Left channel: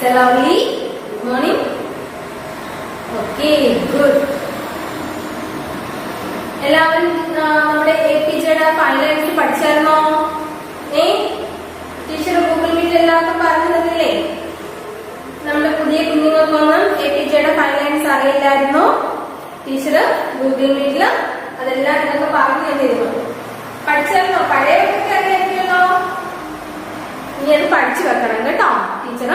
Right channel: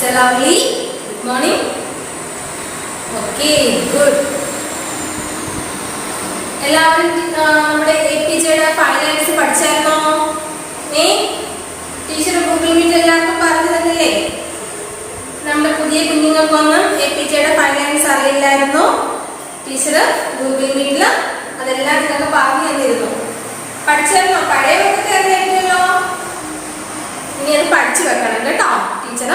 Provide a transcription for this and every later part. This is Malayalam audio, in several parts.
Lovely. Good morning. Okay, good. എല്ലാവരും നമ്മുടെ APJയുടെ ഫൈനൽസ് പഠിച്ചായിരുന്നോ? ടീച്ചർ ഗൂഗിൾ മീറ്റ് എല്ലാവർക്കും പറഞ്ഞു തന്നില്ലേ? നമ്മുടെ പുതിയ കുഞ്ഞുങ്ങൾക്കൊന്നും APJയുടെ ഫൈനൽസ് അറിയില്ലായിരുന്നു. ടീച്ചർ ഗൂഗിൾ മീറ്റിൽ അതെല്ലാം നിങ്ങൾക്ക് പറഞ്ഞു തന്നിരുന്നു. പഠിച്ചായിരുന്നോ? പഴയവർക്കൊക്കെ അറിയായിരുന്നല്ലോ. ഇനി അത് പഠിച്ചു വെക്കണം കേട്ടോ ടീച്ചർ.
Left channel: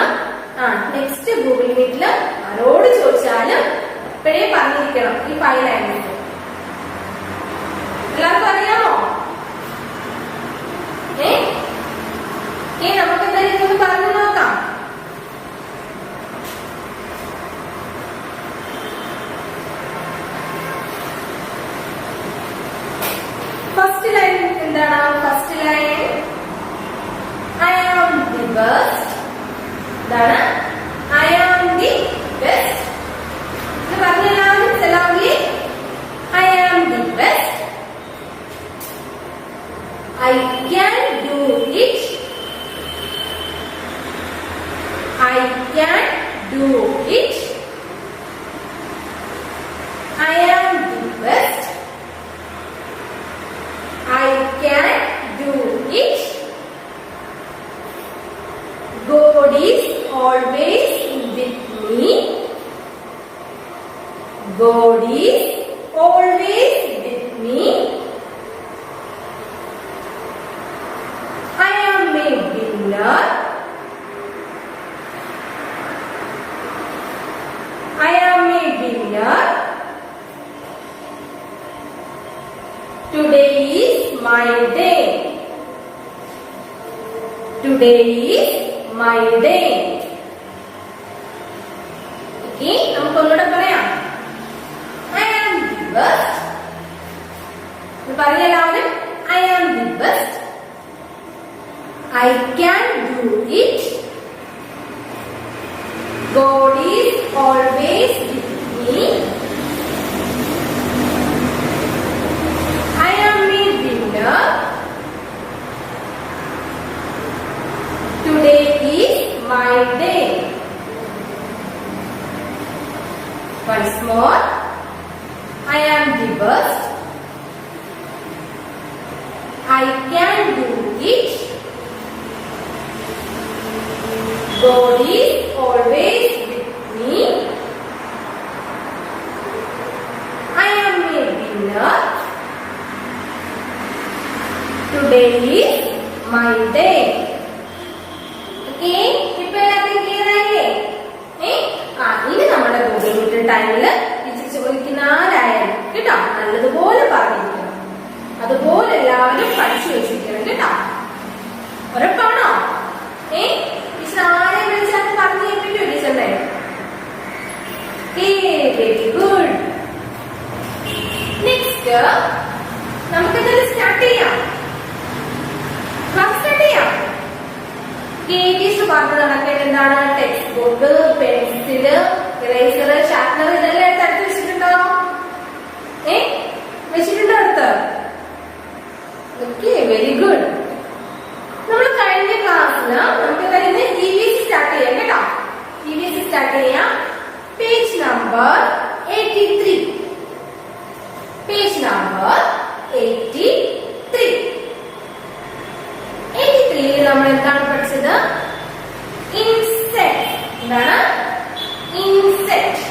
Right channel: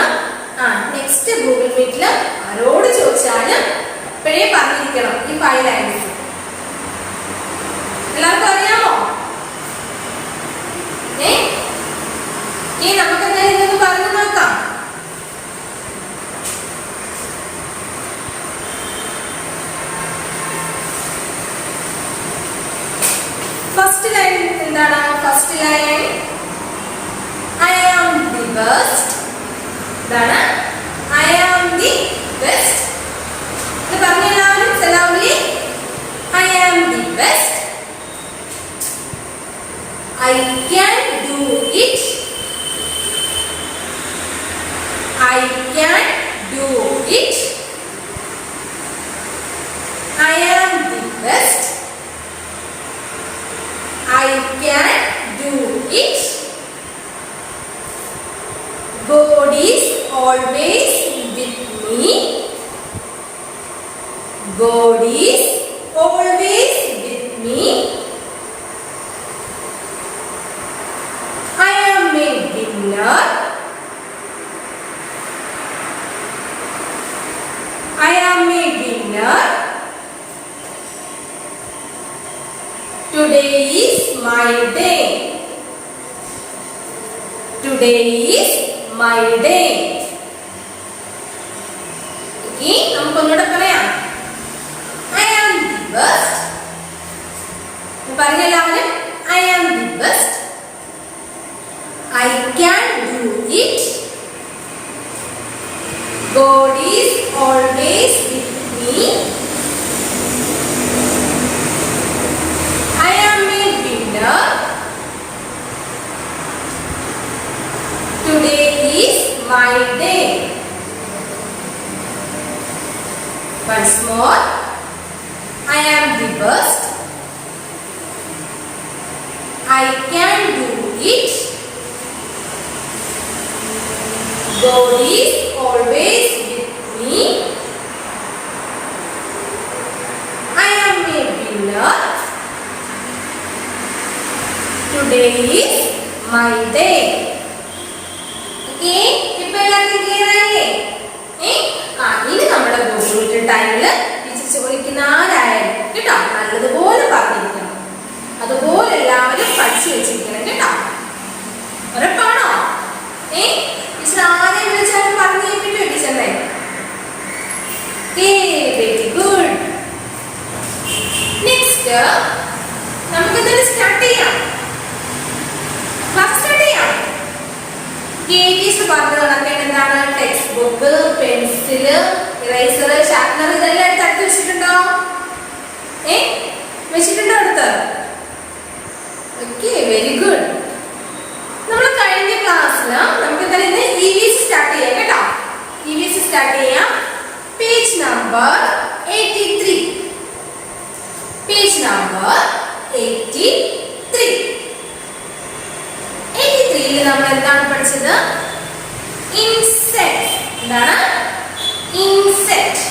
നെക്സ്റ്റ് ഗൂഗിൾ മീറ്റിൽ ആരോട് ചോദിച്ചാലും ഇപ്പോഴേ പറഞ്ഞിരിക്കണം ഈ 5 ലൈൻസ്. എല്ലാവർക്കും അറിയാമോ? നമുക്ക് എന്തായാലും ഇതൊക്കെ പറഞ്ഞു നോക്കാം. ഫസ്റ്റ് ലൈൻ എന്താണ്? First line I am the best. എന്താണ്? I am the best. ഇത് പറഞ്ഞ എല്ലാവരും സെലൗലി. I am the best. I can do it. I can do it. I am the best. I can do it. God is always with me. God is always with me. I am a winner. I am a winner. Today is my day. Today is my day. Okay, നമുക്ക് ഒന്നുകൂടെ പറയാം. I am the best. പറഞ്ഞ എല്ലാവരും I am the best. I can do it. God is always with me. I am a winner. Today is my day. Once more. I am the best. I can do it. God is always with me. I am a winner. Today is my day. Okay, ഇപ്പോൾ എല്ലാവർക്കും ക്ലിയർ ആയില്ലേ? ഇനി നമ്മുടെ ഗൂഗിൾ മീറ്റ് ടൈമിൽ ടീച്ചർ ചോദിക്കുന്ന ആരായാലും കേട്ടോ നല്ലതുപോലെ പറഞ്ഞിരിക്കണം. അതുപോലെ എല്ലാവരും പഠിച്ചു വെച്ചിരിക്കണം കേട്ടോ. ഉറപ്പാണോ? ടീച്ചർ ആരെയും വിളിച്ചാലും പറഞ്ഞു കേൾപ്പിക്കോ ടീച്ചറിനെ? Very good. നെക്സ്റ്റ് നമുക്ക് എന്തായാലും സ്റ്റാർട്ട് ചെയ്യാം. ക്ലാസ് സ്റ്റാർട്ട് ചെയ്യാം. ടീച്ചർ പറഞ്ഞത് കണക്കെ എന്താണ്? Text book, pencil, eraser, sharpener ഇതെല്ലാം എടുത്ത് അടുത്ത് വെച്ചിട്ടുണ്ടോ? വെച്ചിട്ടുണ്ടോ അടുത്ത്? Okay, very good. നമ്മൾ കഴിഞ്ഞ ക്ലാസ്സിൽ നമുക്ക് എന്തായാലും EVS സ്റ്റാർട്ട് ചെയ്യാം കേട്ടോ. EVS സ്റ്റാർട്ട് ചെയ്യാം. Page number 83. Page number 83. 83 നമ്മൾ എന്താണ് പഠിച്ചത്? ഇൻസെക്ട്. എന്താണ്? ഇൻസെക്ട്.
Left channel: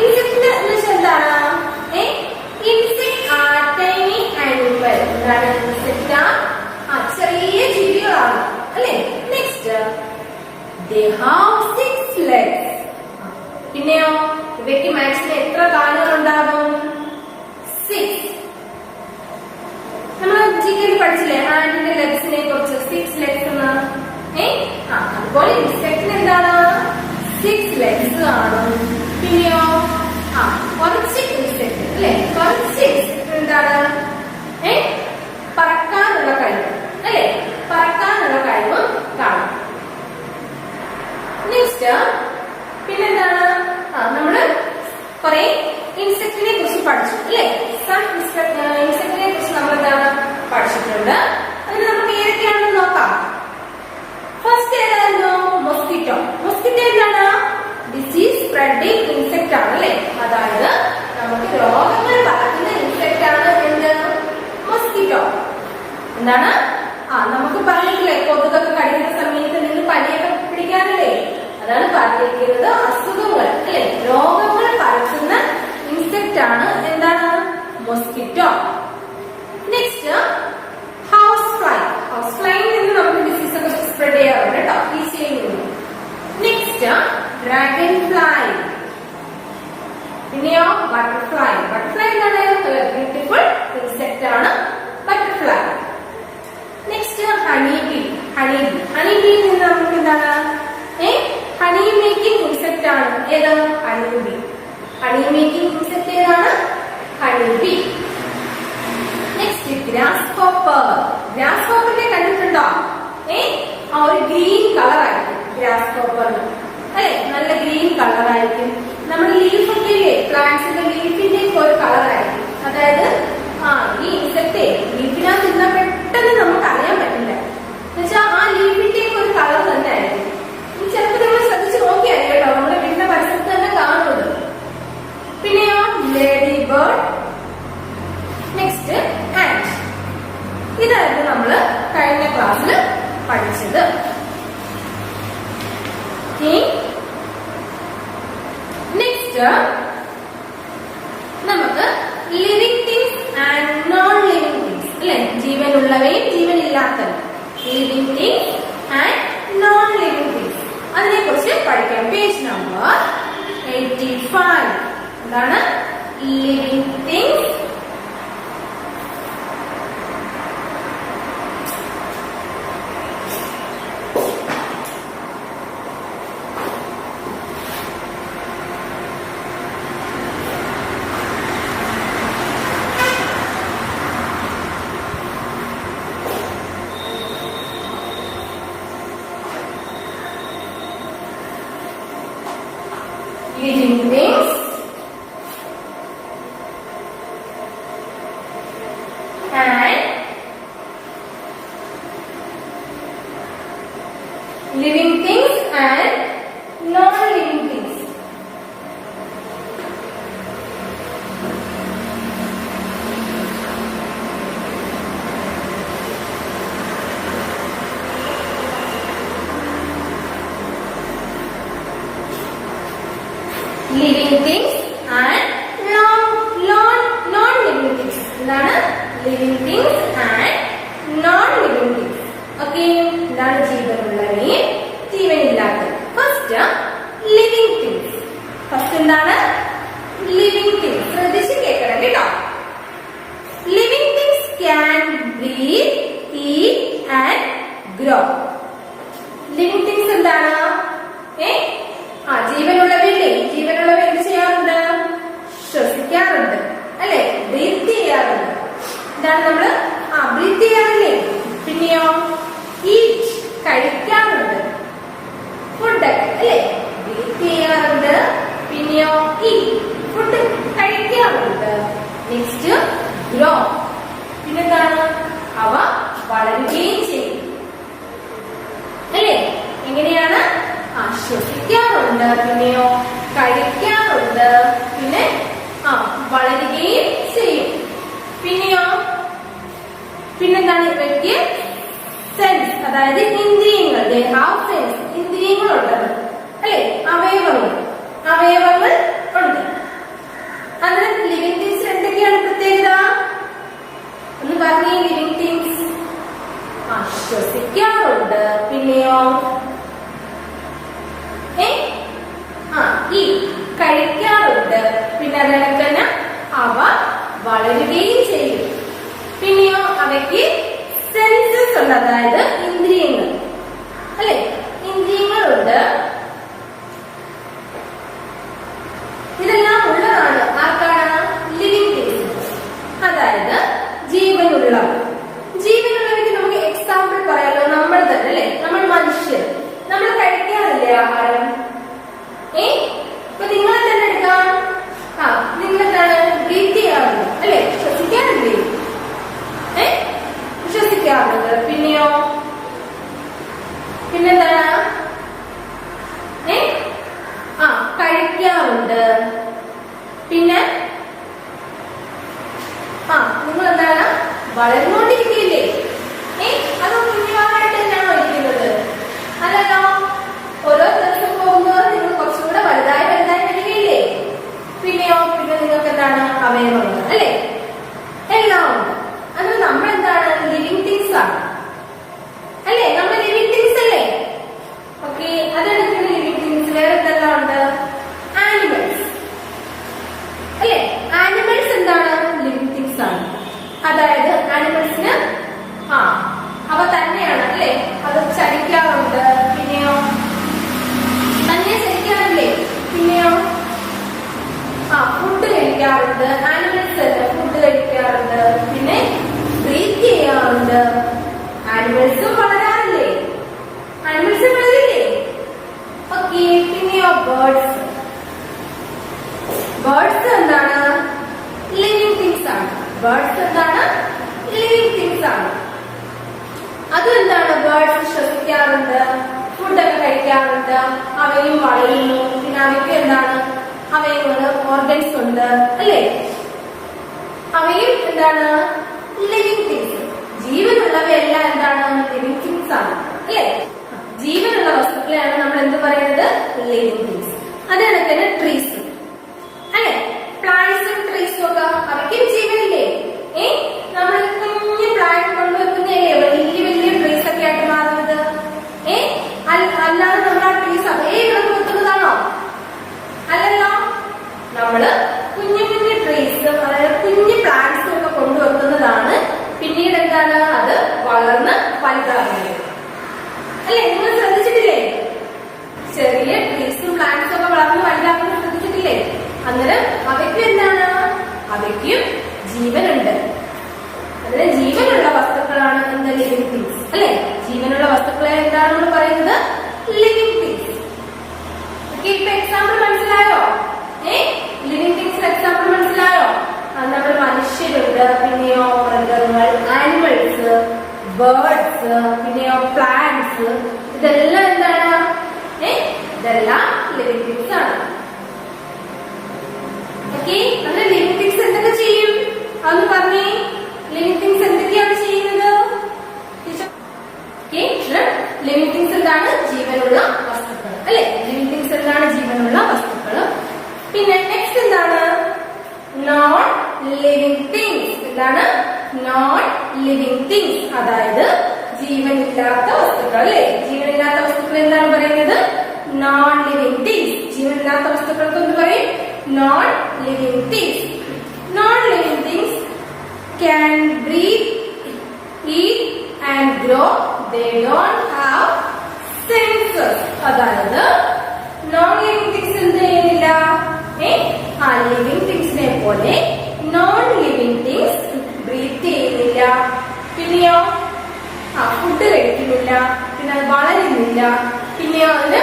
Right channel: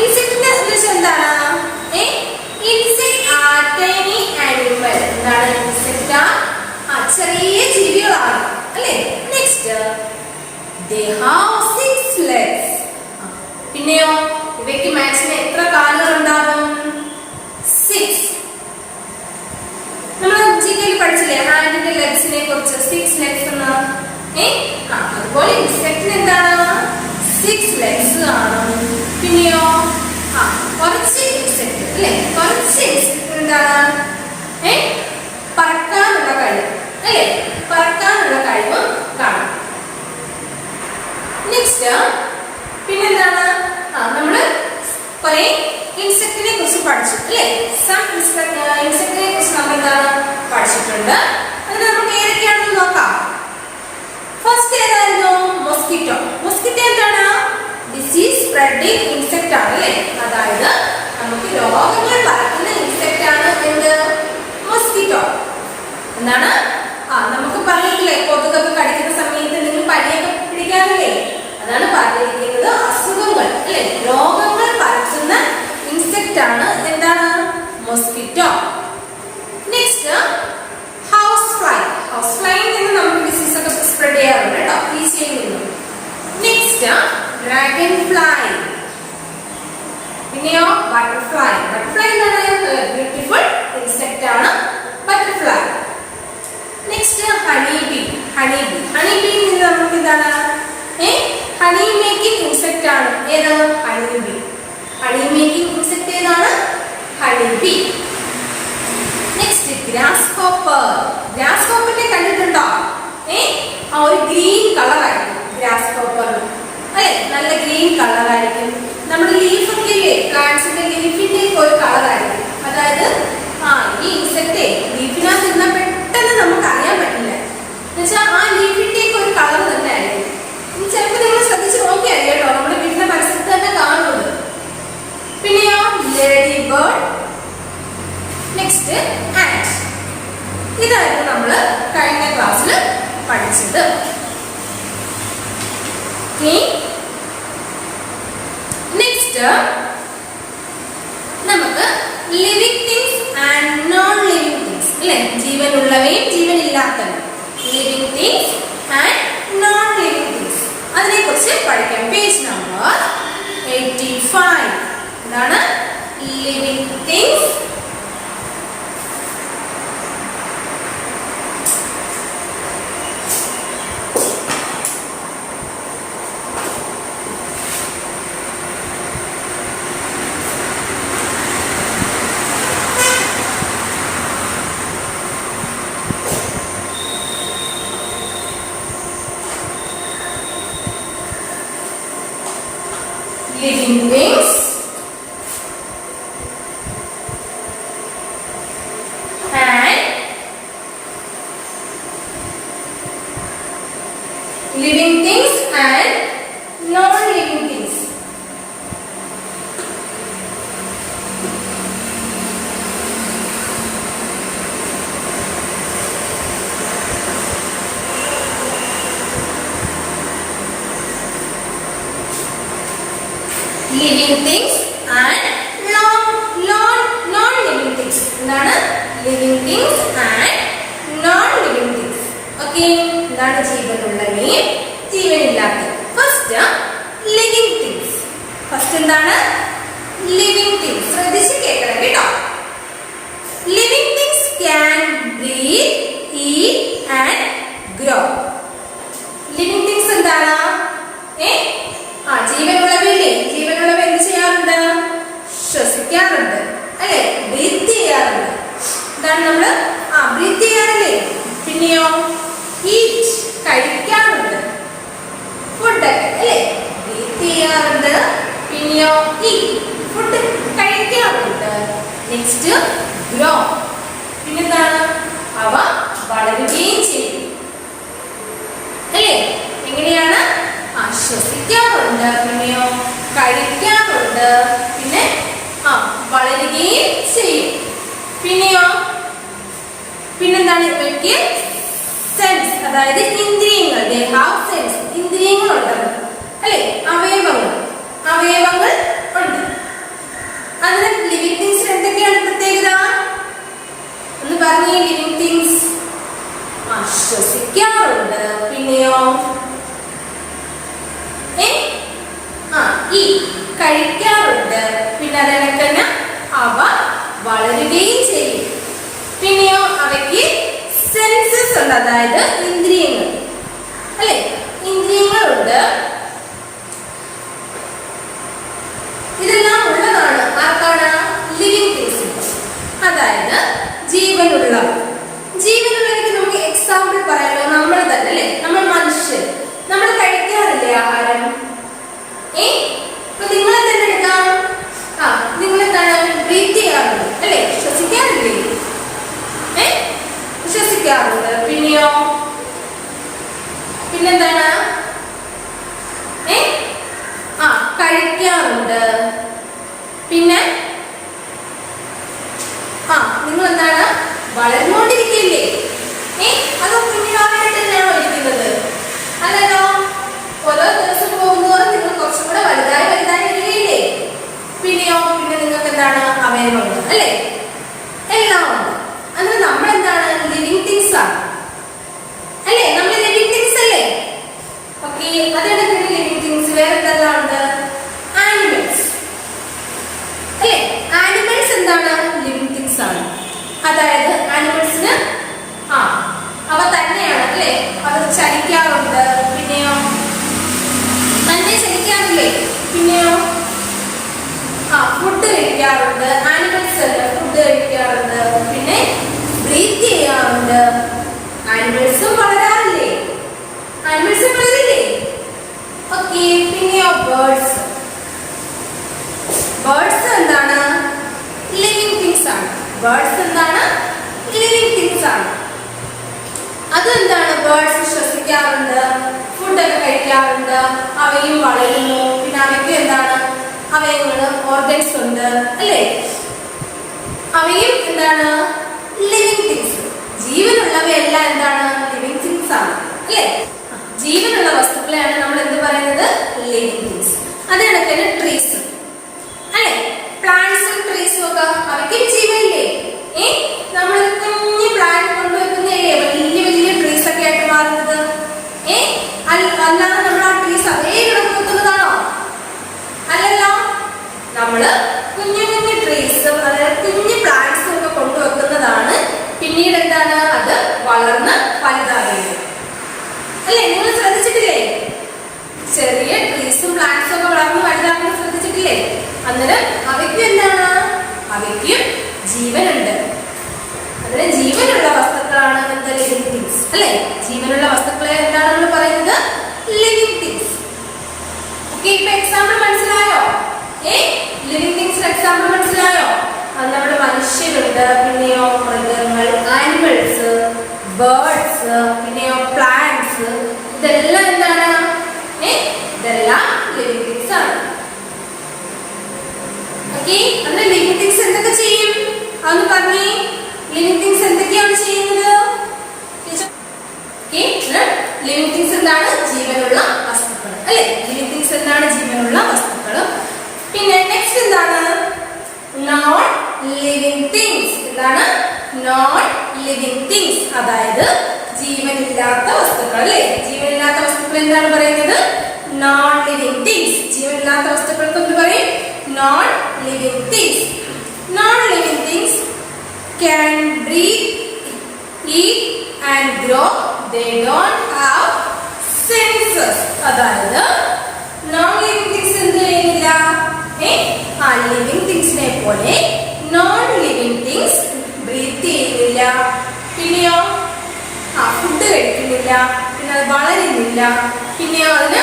ഇൻസെക്ടിന്റെ എന്താണ്? Insect are tiny animal. എന്താണ്? ഇൻസെക്ട് ചെറിയ ജീവികളാണ് അല്ലേ? Next they have 6 legs. പിന്നെയോ ഇവയ്ക്ക് മാക്സിമം എത്ര കാലുകൾ ഉണ്ടാകും? 6. നമ്മൾ ജികയിൽ പഠിച്ചില്ലേ ഹാൻഡിന്റെ ലെഗ്സിനെ കുറിച്ച്? 6 ലെഗ്സ് എന്ന്. അതുപോലെ ഇൻസെക്ടിന് എന്താണ്? 6 ലെഗ്സ് കാണും. പിന്നെയോ കുറച്ച് ഇൻസെക്ട് അല്ലേ? കുറച്ച് ഇൻസെക്ട് എന്താണ്? പറക്കാനുള്ള കഴിവ് അല്ലേ? പറക്കാനുള്ള കഴിവും കാണും. നെക്സ്റ്റ് പിന്നെന്താണ്? നമ്മള് കുറെ ഇൻസെക്ടിനെ കുറിച്ച് പഠിച്ചു അല്ലേ? ഇൻസെക്ടിനെ കുറിച്ച് നമ്മൾ എന്താണ് പഠിച്ചിട്ടുണ്ട്. അതിന് നമുക്ക് ഏതൊക്കെയാണെന്ന് നോക്കാം. ഫസ്റ്റ് ഏതായിരുന്നു? മൊസ്കിറ്റോ. അതാണ് പറഞ്ഞിരിക്കുന്നത്. അസുഖങ്ങൾ അല്ലെ, രോഗങ്ങൾ പരത്തുന്ന ഇൻസെക്റ്റ് ആണ് എന്താണ്? Mosquito. Next house fly. House ഫ്ലൈയിൽ നിന്ന് നമുക്ക് ഡിസീസ് ഒക്കെ സ്പ്രെഡ് ചെയ്യാറുണ്ട് കേട്ടോ, ഈച്ചയിൽ നിന്നും. Next dragonfly. പിന്നെയോ ബട്ടർഫ്ലൈ. ബട്ടർഫ്ലൈ എന്താണ്? ബ്യൂട്ടിഫുൾ ഇൻസെക്റ്റ് ആണ് butterfly. Next honey bee. Honey bee. Honey ബീയിൽ നിന്ന് നമുക്ക് എന്താണ്? ഹണി മേക്കിംഗ് ഇൻസെക്റ്റ് ആണ് ഏത്? Honey bee. Honey making insect ഏതാണ്? Honey bee. Next grasshopper. ഗ്രാസ് ഹോപ്പറിനെ കണ്ടിട്ടുണ്ടോ? ആ ഒരു ഗ്രീൻ കളർ ആയിരിക്കും ഗ്രാസ് ഹോപ്പറിന് അല്ലെ, നല്ല ഗ്രീൻ കളർ ആയിരിക്കും. നമ്മുടെ ലീഫൊക്കെ ഇല്ലേ, പ്ലാന്റ്സിന്റെ ലീഫിന്റെ ഒരു കളർ ആയിരിക്കും. അതായത് ഈ ഇൻസെക്റ്റ് ലീഫിനകത്ത് ഇരുന്നാൽ പെട്ടെന്ന് നമുക്ക് അറിയാൻ പറ്റില്ല. എന്നുവെച്ചാൽ ആ ലീഫിന്റെ ഒക്കെ ഒരു കളർ തന്നെ ആയിരിക്കും. ചിലപ്പോൾ നിങ്ങൾ ശ്രദ്ധിച്ച് നോക്കിയാൽ കേട്ടോ, നമ്മുടെ വീടിന്റെ പരിസരത്ത് തന്നെ കാണുന്നത്. പിന്നെയോ ലേഡി ബേർഡ്. Next and. ഇതായിരുന്നു നമ്മൾ കഴിഞ്ഞ ക്ലാസ്സിൽ പഠിച്ചത്. നെക്സ്റ്റ് നമുക്ക് living things and non living things അല്ലെ, ജീവനുള്ളവയും ജീവനില്ലാത്തവയും. Living things and non living things, അതിനെ കുറിച്ച് പഠിക്കാം. Page number 85. എന്താണ് living things living things and living things and non-living things. Living things and non-living things. എന്താണ് living things and non-living things? Okay, എന്താണ് ജീവനുള്ളവയും ജീവനില്ലാത്തത്? First living things. ഫസ്റ്റ് എന്താണ് ലിവിങ് തിങ്സ്? ശ്രദ്ധിച്ച് കേൾക്കണം കേട്ടോ. Living things can breathe, eat and grow. Living things എന്താണ്? ജീവനുള്ളവയില്ലേ, ജീവനുള്ളവ എന്ത് ചെയ്യാറുണ്ട്? ശ്വസിക്കാറുണ്ട് അല്ലെ, ബ്രീത്ത് ചെയ്യാറുണ്ട്. എന്താണ് നമ്മള് ബ്രീത്ത് ചെയ്യാറില്ലേ? പിന്നെയോ ഈറ്റ്, കഴിക്കാറുണ്ട് ഫുഡൊക്കെ അല്ലെ, ബ്രീത്ത് ചെയ്യാറുണ്ട്. പിന്നെയോ ഈറ്റ്, ഫുഡ് കഴിക്കാറുണ്ട്. Next grow. പിന്നെന്താണ്? അവ വളരുകയും ചെയ്യും അല്ലേ. എങ്ങനെയാണ്? ശ്വസിക്കാറുണ്ട്, പിന്നെയോ കഴിക്കാറുണ്ട്, പിന്നെ വളരുകയും ചെയ്യും. പിന്നെയോ പിന്നെന്താണ്? ഇവയ്ക്ക് സെൻസ്, അതായത് ഇന്ദ്രിയങ്ങൾ. ദേ ഹാവ് സെൻസ്, ഇന്ദ്രിയങ്ങൾ ഉണ്ടത് അല്ലെ, അവയവങ്ങൾ ഉണ്ട്. അതിന് ലിവിങ് തിങ്സ് എന്തൊക്കെയാണ് പ്രത്യേകത? ഒന്ന് പറഞ്ഞേ. ലിവിങ് തിങ്സ് ശ്വസിക്കാറുണ്ട്, പിന്നെയോ കഴിക്കാറുണ്ട്, പിന്നെ അതിനൊക്കെ തന്നെ അവ വളരുകയും ചെയ്യും. പിന്നെയോ അവയ്ക്ക് സെൻസസ് ഉണ്ട്, അതായത് ഇന്ദ്രിയങ്ങൾ അല്ലെ, ഇന്ദ്രിയങ്ങളുണ്ട്. ഇതെല്ലാം ഉള്ളതാണ് ആർക്കാണ്? ലിവിങ് തിങ്സ്, അതായത് ജീവനുള്ളവ. ജീവനുള്ളവർക്ക് നമുക്ക് എക്സാമ്പിൾ പറയാലോ, നമ്മൾ തന്നെ അല്ലെ, നമ്മൾ മനുഷ്യർ, നമ്മൾ കഴിക്കാറില്ലേ ആഹാരം? ഇപ്പൊ നിങ്ങളെ തന്നെ എടുക്കാം. നിങ്ങളെന്താണ്? ബ്രീത്ത് ചെയ്യാറുണ്ട് അല്ലെ, ശ്വസിക്കാറില്ലേ? ശ്വസിക്കാറുണ്ട്. പിന്നെയോ പിന്നെന്താണ്? കഴിക്കാറുണ്ട്. പിന്നെ നിങ്ങൾ എന്താണ്? വളർന്നുകൊണ്ടിരിക്കുകയില്ലേ? അതോ കുഞ്ഞുവാനായിട്ട് തന്നെയാണോ ഇരിക്കുന്നത്? അല്ലല്ലോ, ഓരോ ദിവസം പോകുന്ന വേറെ എന്തെല്ലാം ഉണ്ട്? ആനിമൽസ് അല്ലേ? ആനിമൽസ് എന്താണ്? ലിവിങ് തിങ്സ് ആണ്. അതായത് ആനിമൽസിന് അവ തന്നെയാണ് അല്ലേ, അത് ചലിക്കാറുണ്ട്. പിന്നെയോ തന്നെ ചലിക്കാറില്ലേ? പിന്നെയോ ഫുഡ് കഴിക്കാറുണ്ട്. ആനിമൽസ് അല്ല, ഫുഡ് കഴിക്കാറുണ്ട്. പിന്നെ ബ്രീത്ത് ചെയ്യാറുണ്ട്. ആനിമൽസും വളരാറില്ലേ? ആനിമൽസും വളരില്ലേ? ഓക്കെ. പിന്നെയോ ബേർഡ്സ്. ബേർഡ്സ് എന്താണ്? ലിവിങ് തിങ്സ് ആണ്. ബേർഡ്സ് എന്താണ്? ലിവിങ് തിങ്സ് ആണ്. അത് എന്താണ്? ബേർഡ്സ് ശ്വസിക്കാറുണ്ട്, ഫുഡൊക്കെ കഴിക്കാറുണ്ട്, അവയും വളരുന്നു. പിന്നെ അവയ്ക്ക് എന്താണ്? അവയവങ്ങള്, ഓർഗൻസ് ഉണ്ട് അല്ലേ? അവയും എന്താണ്? Living things. ജീവനുള്ളവയെല്ലാം എന്താണ്? ലിവിങ് തിങ്സ് ആണ് അല്ലേ? ജീവനുള്ള വസ്തുക്കളെയാണ് നമ്മൾ എന്ത് പറയുന്നത്? Living things. അത് കണക്കിന് ട്രീസ് അല്ലേ? പ്ലാന്റ്സും ട്രീസും ഒക്കെ അവയ്ക്കും ജീവനില്ലേ? നമ്മൾ കുഞ്ഞു പ്ലാന്റ് കൊണ്ടുവെക്കുന്നതല്ലേ വലിയ വലിയ ട്രീസ് ഒക്കെ ആയിട്ട് മാറുന്നത്? അല്ലാതെ നമ്മൾ ആ ട്രീസ് അതേ കിടന്ന് വെക്കുന്നതാണോ? അല്ലല്ലോ. നമ്മള് കുഞ്ഞു കുഞ്ഞു ട്രീസും അതായത് കുഞ്ഞു പ്ലാന്റ്സും ഒക്കെ കൊണ്ടുവെക്കുന്നതാണ് പിന്നീട് എന്താണ്? അത് വളർന്ന് വലുതാകുന്നത് അല്ലേ? നിങ്ങൾ ശ്രദ്ധിച്ചിട്ടില്ലേ? ചെറിയ ട്രീസും പ്ലാന്റ്സും ഒക്കെ വളർന്ന് വലുതാകുന്നത് ശ്രദ്ധിച്ചിട്ടില്ലേ? അന്നേരം അവയ്ക്കും എന്താണ്? അവയ്ക്കും ജീവനുണ്ട്. അതിന് ജീവനുള്ള വസ്തുക്കളാണ് എന്താ? ലിവിങ് തിങ്സ് അല്ലേ? ജീവനുള്ള വസ്തുക്കളെ എന്താണ് നമ്മൾ പറയുന്നത്? Living things. ഓക്കെ. ഇപ്പൊ എക്സാമ്പിൾ മനസ്സിലായോ? ലിവിങ് തിങ്സിന് എക്സാമ്പിൾ മനസ്സിലായോ? നമ്മുടെ മനുഷ്യരുണ്ട്, പിന്നെയോ മൃഗങ്ങൾ, ആനിമൽസ്, ബേർഡ്സ്, പിന്നെയോ പ്ലാന്റ്സ്. ഇതെല്ലാം എന്താണ്? ഇതെല്ലാം ലിവിങ് തിങ്സ് ആണ്. ഓക്കെ. അങ്ങനെ ലിവിങ് തിങ്സ് എന്തൊക്കെ ചെയ്യും? അതൊന്ന് പറഞ്ഞേ. ലിവിങ് തിങ്സ് എന്തൊക്കെയാണ് ചെയ്യുന്നത്? ലിവിങ് തിങ്സ് എന്താണ്? ജീവനുള്ള വസ്തുക്കൾ അല്ലെ? ലിവിങ് തിങ്സ് എന്താണ്? ജീവനുള്ള വസ്തുക്കൾ. പിന്നെ നെക്സ്റ്റ് എന്താണ്? Non living things. എന്താണ്? നോൺ ലിവിങ് തിങ്സ്, അതായത് ജീവനില്ലാത്ത വസ്തുക്കൾ അല്ലെ? ജീവനില്ലാത്ത വസ്തുക്കൾ എന്താണ് പറയുന്നത്? Non living things. ജീവനില്ലാത്ത വസ്തുക്കൾക്ക് എന്ത് പറയും? Non living things. Non living things can breathe, eat and grow. They don't have senses. അതായത് നോൺ ലിവിങ് തിങ്സ് എന്ത് ചെയ്യുന്നില്ല? ലിവിങ് തിങ്സിനെ പോലെ നോൺ ലിവിങ് തിങ്സ് ബ്രീത്ത് ചെയ്യുന്നില്ല, പിന്നെയോ ഫുഡ് കഴിക്കുന്നില്ല, പിന്നെ അത് വളരുന്നില്ല, പിന്നെയോ അതിന്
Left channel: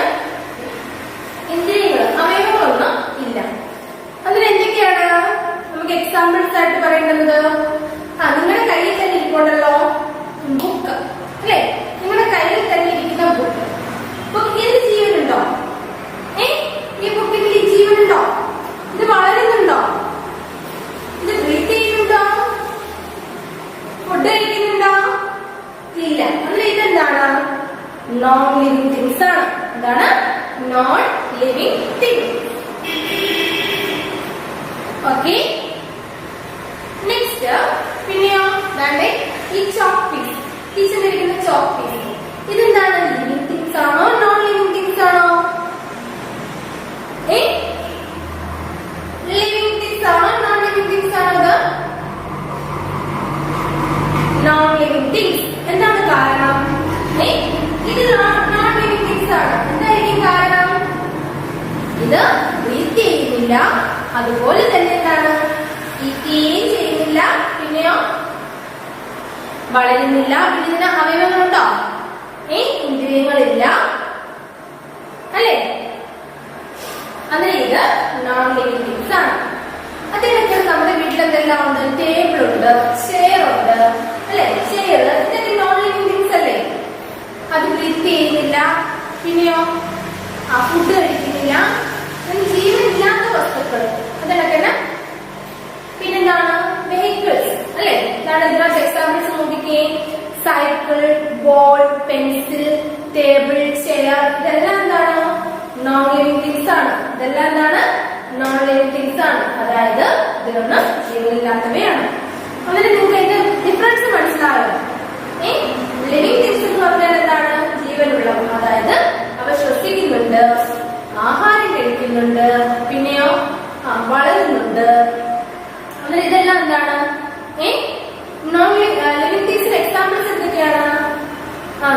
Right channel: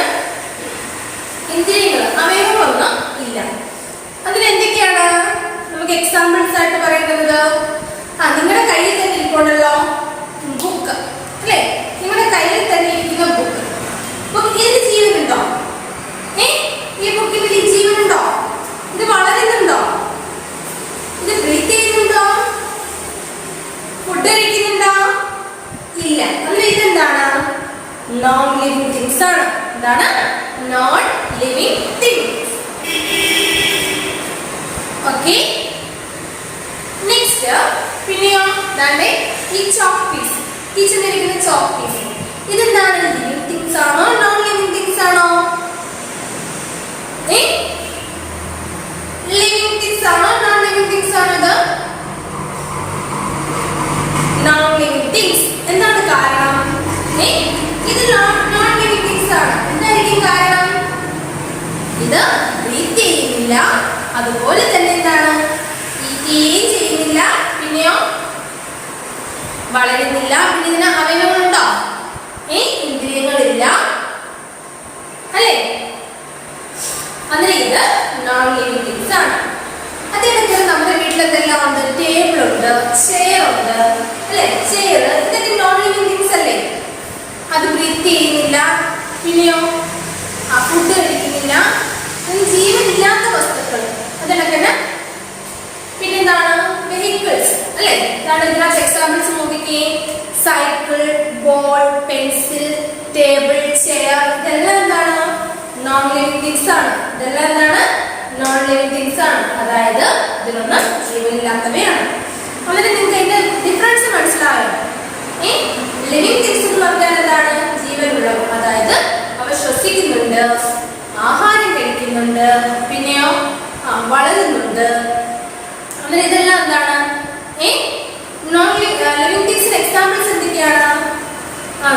ഇന്ദ്രിയങ്ങൾ, അവയവങ്ങളൊന്നും ഇല്ല. അതിനെന്തൊക്കെയാണ് നമുക്ക് എക്സാമ്പിൾസ് ആയിട്ട് പറയേണ്ടത്? നിങ്ങളുടെ കയ്യിൽ തന്നെ ഇരിപ്പുണ്ടല്ലോ ബുക്ക് അല്ലേ? നിങ്ങളുടെ കയ്യിൽ തന്നെ ഇരിക്കുന്ന ബുക്ക് ഇതിന് ജീവനുണ്ടോ? ഈ ബുക്കിന് ജീവനുണ്ടോ? ഇത് വളരുന്നുണ്ടോ? ഇത് ബ്രീത്ത് ചെയ്യുന്നുണ്ടോ? ഫുഡ് കഴിക്കുന്നുണ്ടോ? ഇല്ല. അങ്ങനെ ഇതെന്താണ്? നോൺ ലിവിങ് തിങ്സ് ആണ്. എന്താണ്? Non living things. Okay. Next പിന്നെയോ ഈ ചോക്ക് പീസ്, കിച്ചണിലിരിക്കുന്ന ചോക്ക് പീസ്, ഇതെന്താണ്? ലിവിങ് തിങ്സ് ആണോ നോൺ ലിവിങ് തിങ്സ് ആണോ? ലിവിങ് തിങ്സ് ആണോ നോൺ ലിവിങ് തിങ്സ് ആണോ? ഇത് നോൺ ലിവിങ് തിങ്സ്. എന്താണ് കാരണം? ഇത് നോൺ ലിവിങ് തിങ്സ് ആണ്. എന്തായിരിക്കും കാരണം? ഇത് ബ്രീത്ത് ചെയ്യുന്നില്ല, അതുപോലെ തന്നെ എന്താണ്? ഈറ്റുകയും ചെയ്യുന്നില്ല, പിന്നെയോ വളരുന്നില്ല. പിന്നെ ഇതിന് അവയവങ്ങളുണ്ടോ? ഇന്ദ്രിയങ്ങളില്ല അല്ലേ? അങ്ങനെ ഇത് നോൺ ലിവിങ് തിങ്സ് ആണ്. അതിനൊക്കെ നമ്മുടെ വീട്ടിൽ എന്തെല്ലാം ഉണ്ട്? ടേബിൾ ഉണ്ട്, ചെയർ ഉണ്ട് അല്ലെ? ചെയർ ഇതൊക്കെ നോൺ ലിവിങ് തിങ്സ് അല്ലേ? അത് ബ്രീത്ത് ചെയ്യുന്നില്ല, പിന്നെയോ ഫുഡ് കഴിക്കുന്നില്ല, ജീവനില്ലാത്ത വസ്തുക്കൾ. അതിനൊക്കെ പിന്നെന്താണ്? വെഹിക്കിൾസ് അല്ലെ? ഇതാണ് ഇതിനകത്ത് എക്സാമ്പിൾസ് നോക്കിക്കേ. Cycle, ball, pencil, table, chair, ഇതെല്ലാം എന്താണ്? നോൺ ലിവിങ് തിങ്സ് ആണ്. ഇതെല്ലാം എന്താണ്? നോൺ ലിവിങ് തിങ്സ് ആണ്. അതായത് ഇതിലൊന്നും ജീവനില്ലാത്തവയാണ്. അങ്ങനെ നിങ്ങൾക്ക് ഇതിന്റെ ഡിഫറൻസ് മനസ്സിലായോ? ലിവിങ് തിങ്സ് എന്ന് പറഞ്ഞാൽ എന്താണ്? ജീവനുള്ളവ, അതായത് അവ ശ്വസിക്കുന്നുണ്ട്, ആഹാരം കഴിക്കുന്നുണ്ട്, പിന്നെയോ വളരുന്നുണ്ട്. അങ്ങനെ ഇതെല്ലാം എന്താണ്? നോൺ ലിവിങ് തിങ്സിന്റെ എക്സാമ്പിൾസ് എന്തൊക്കെയാണ്?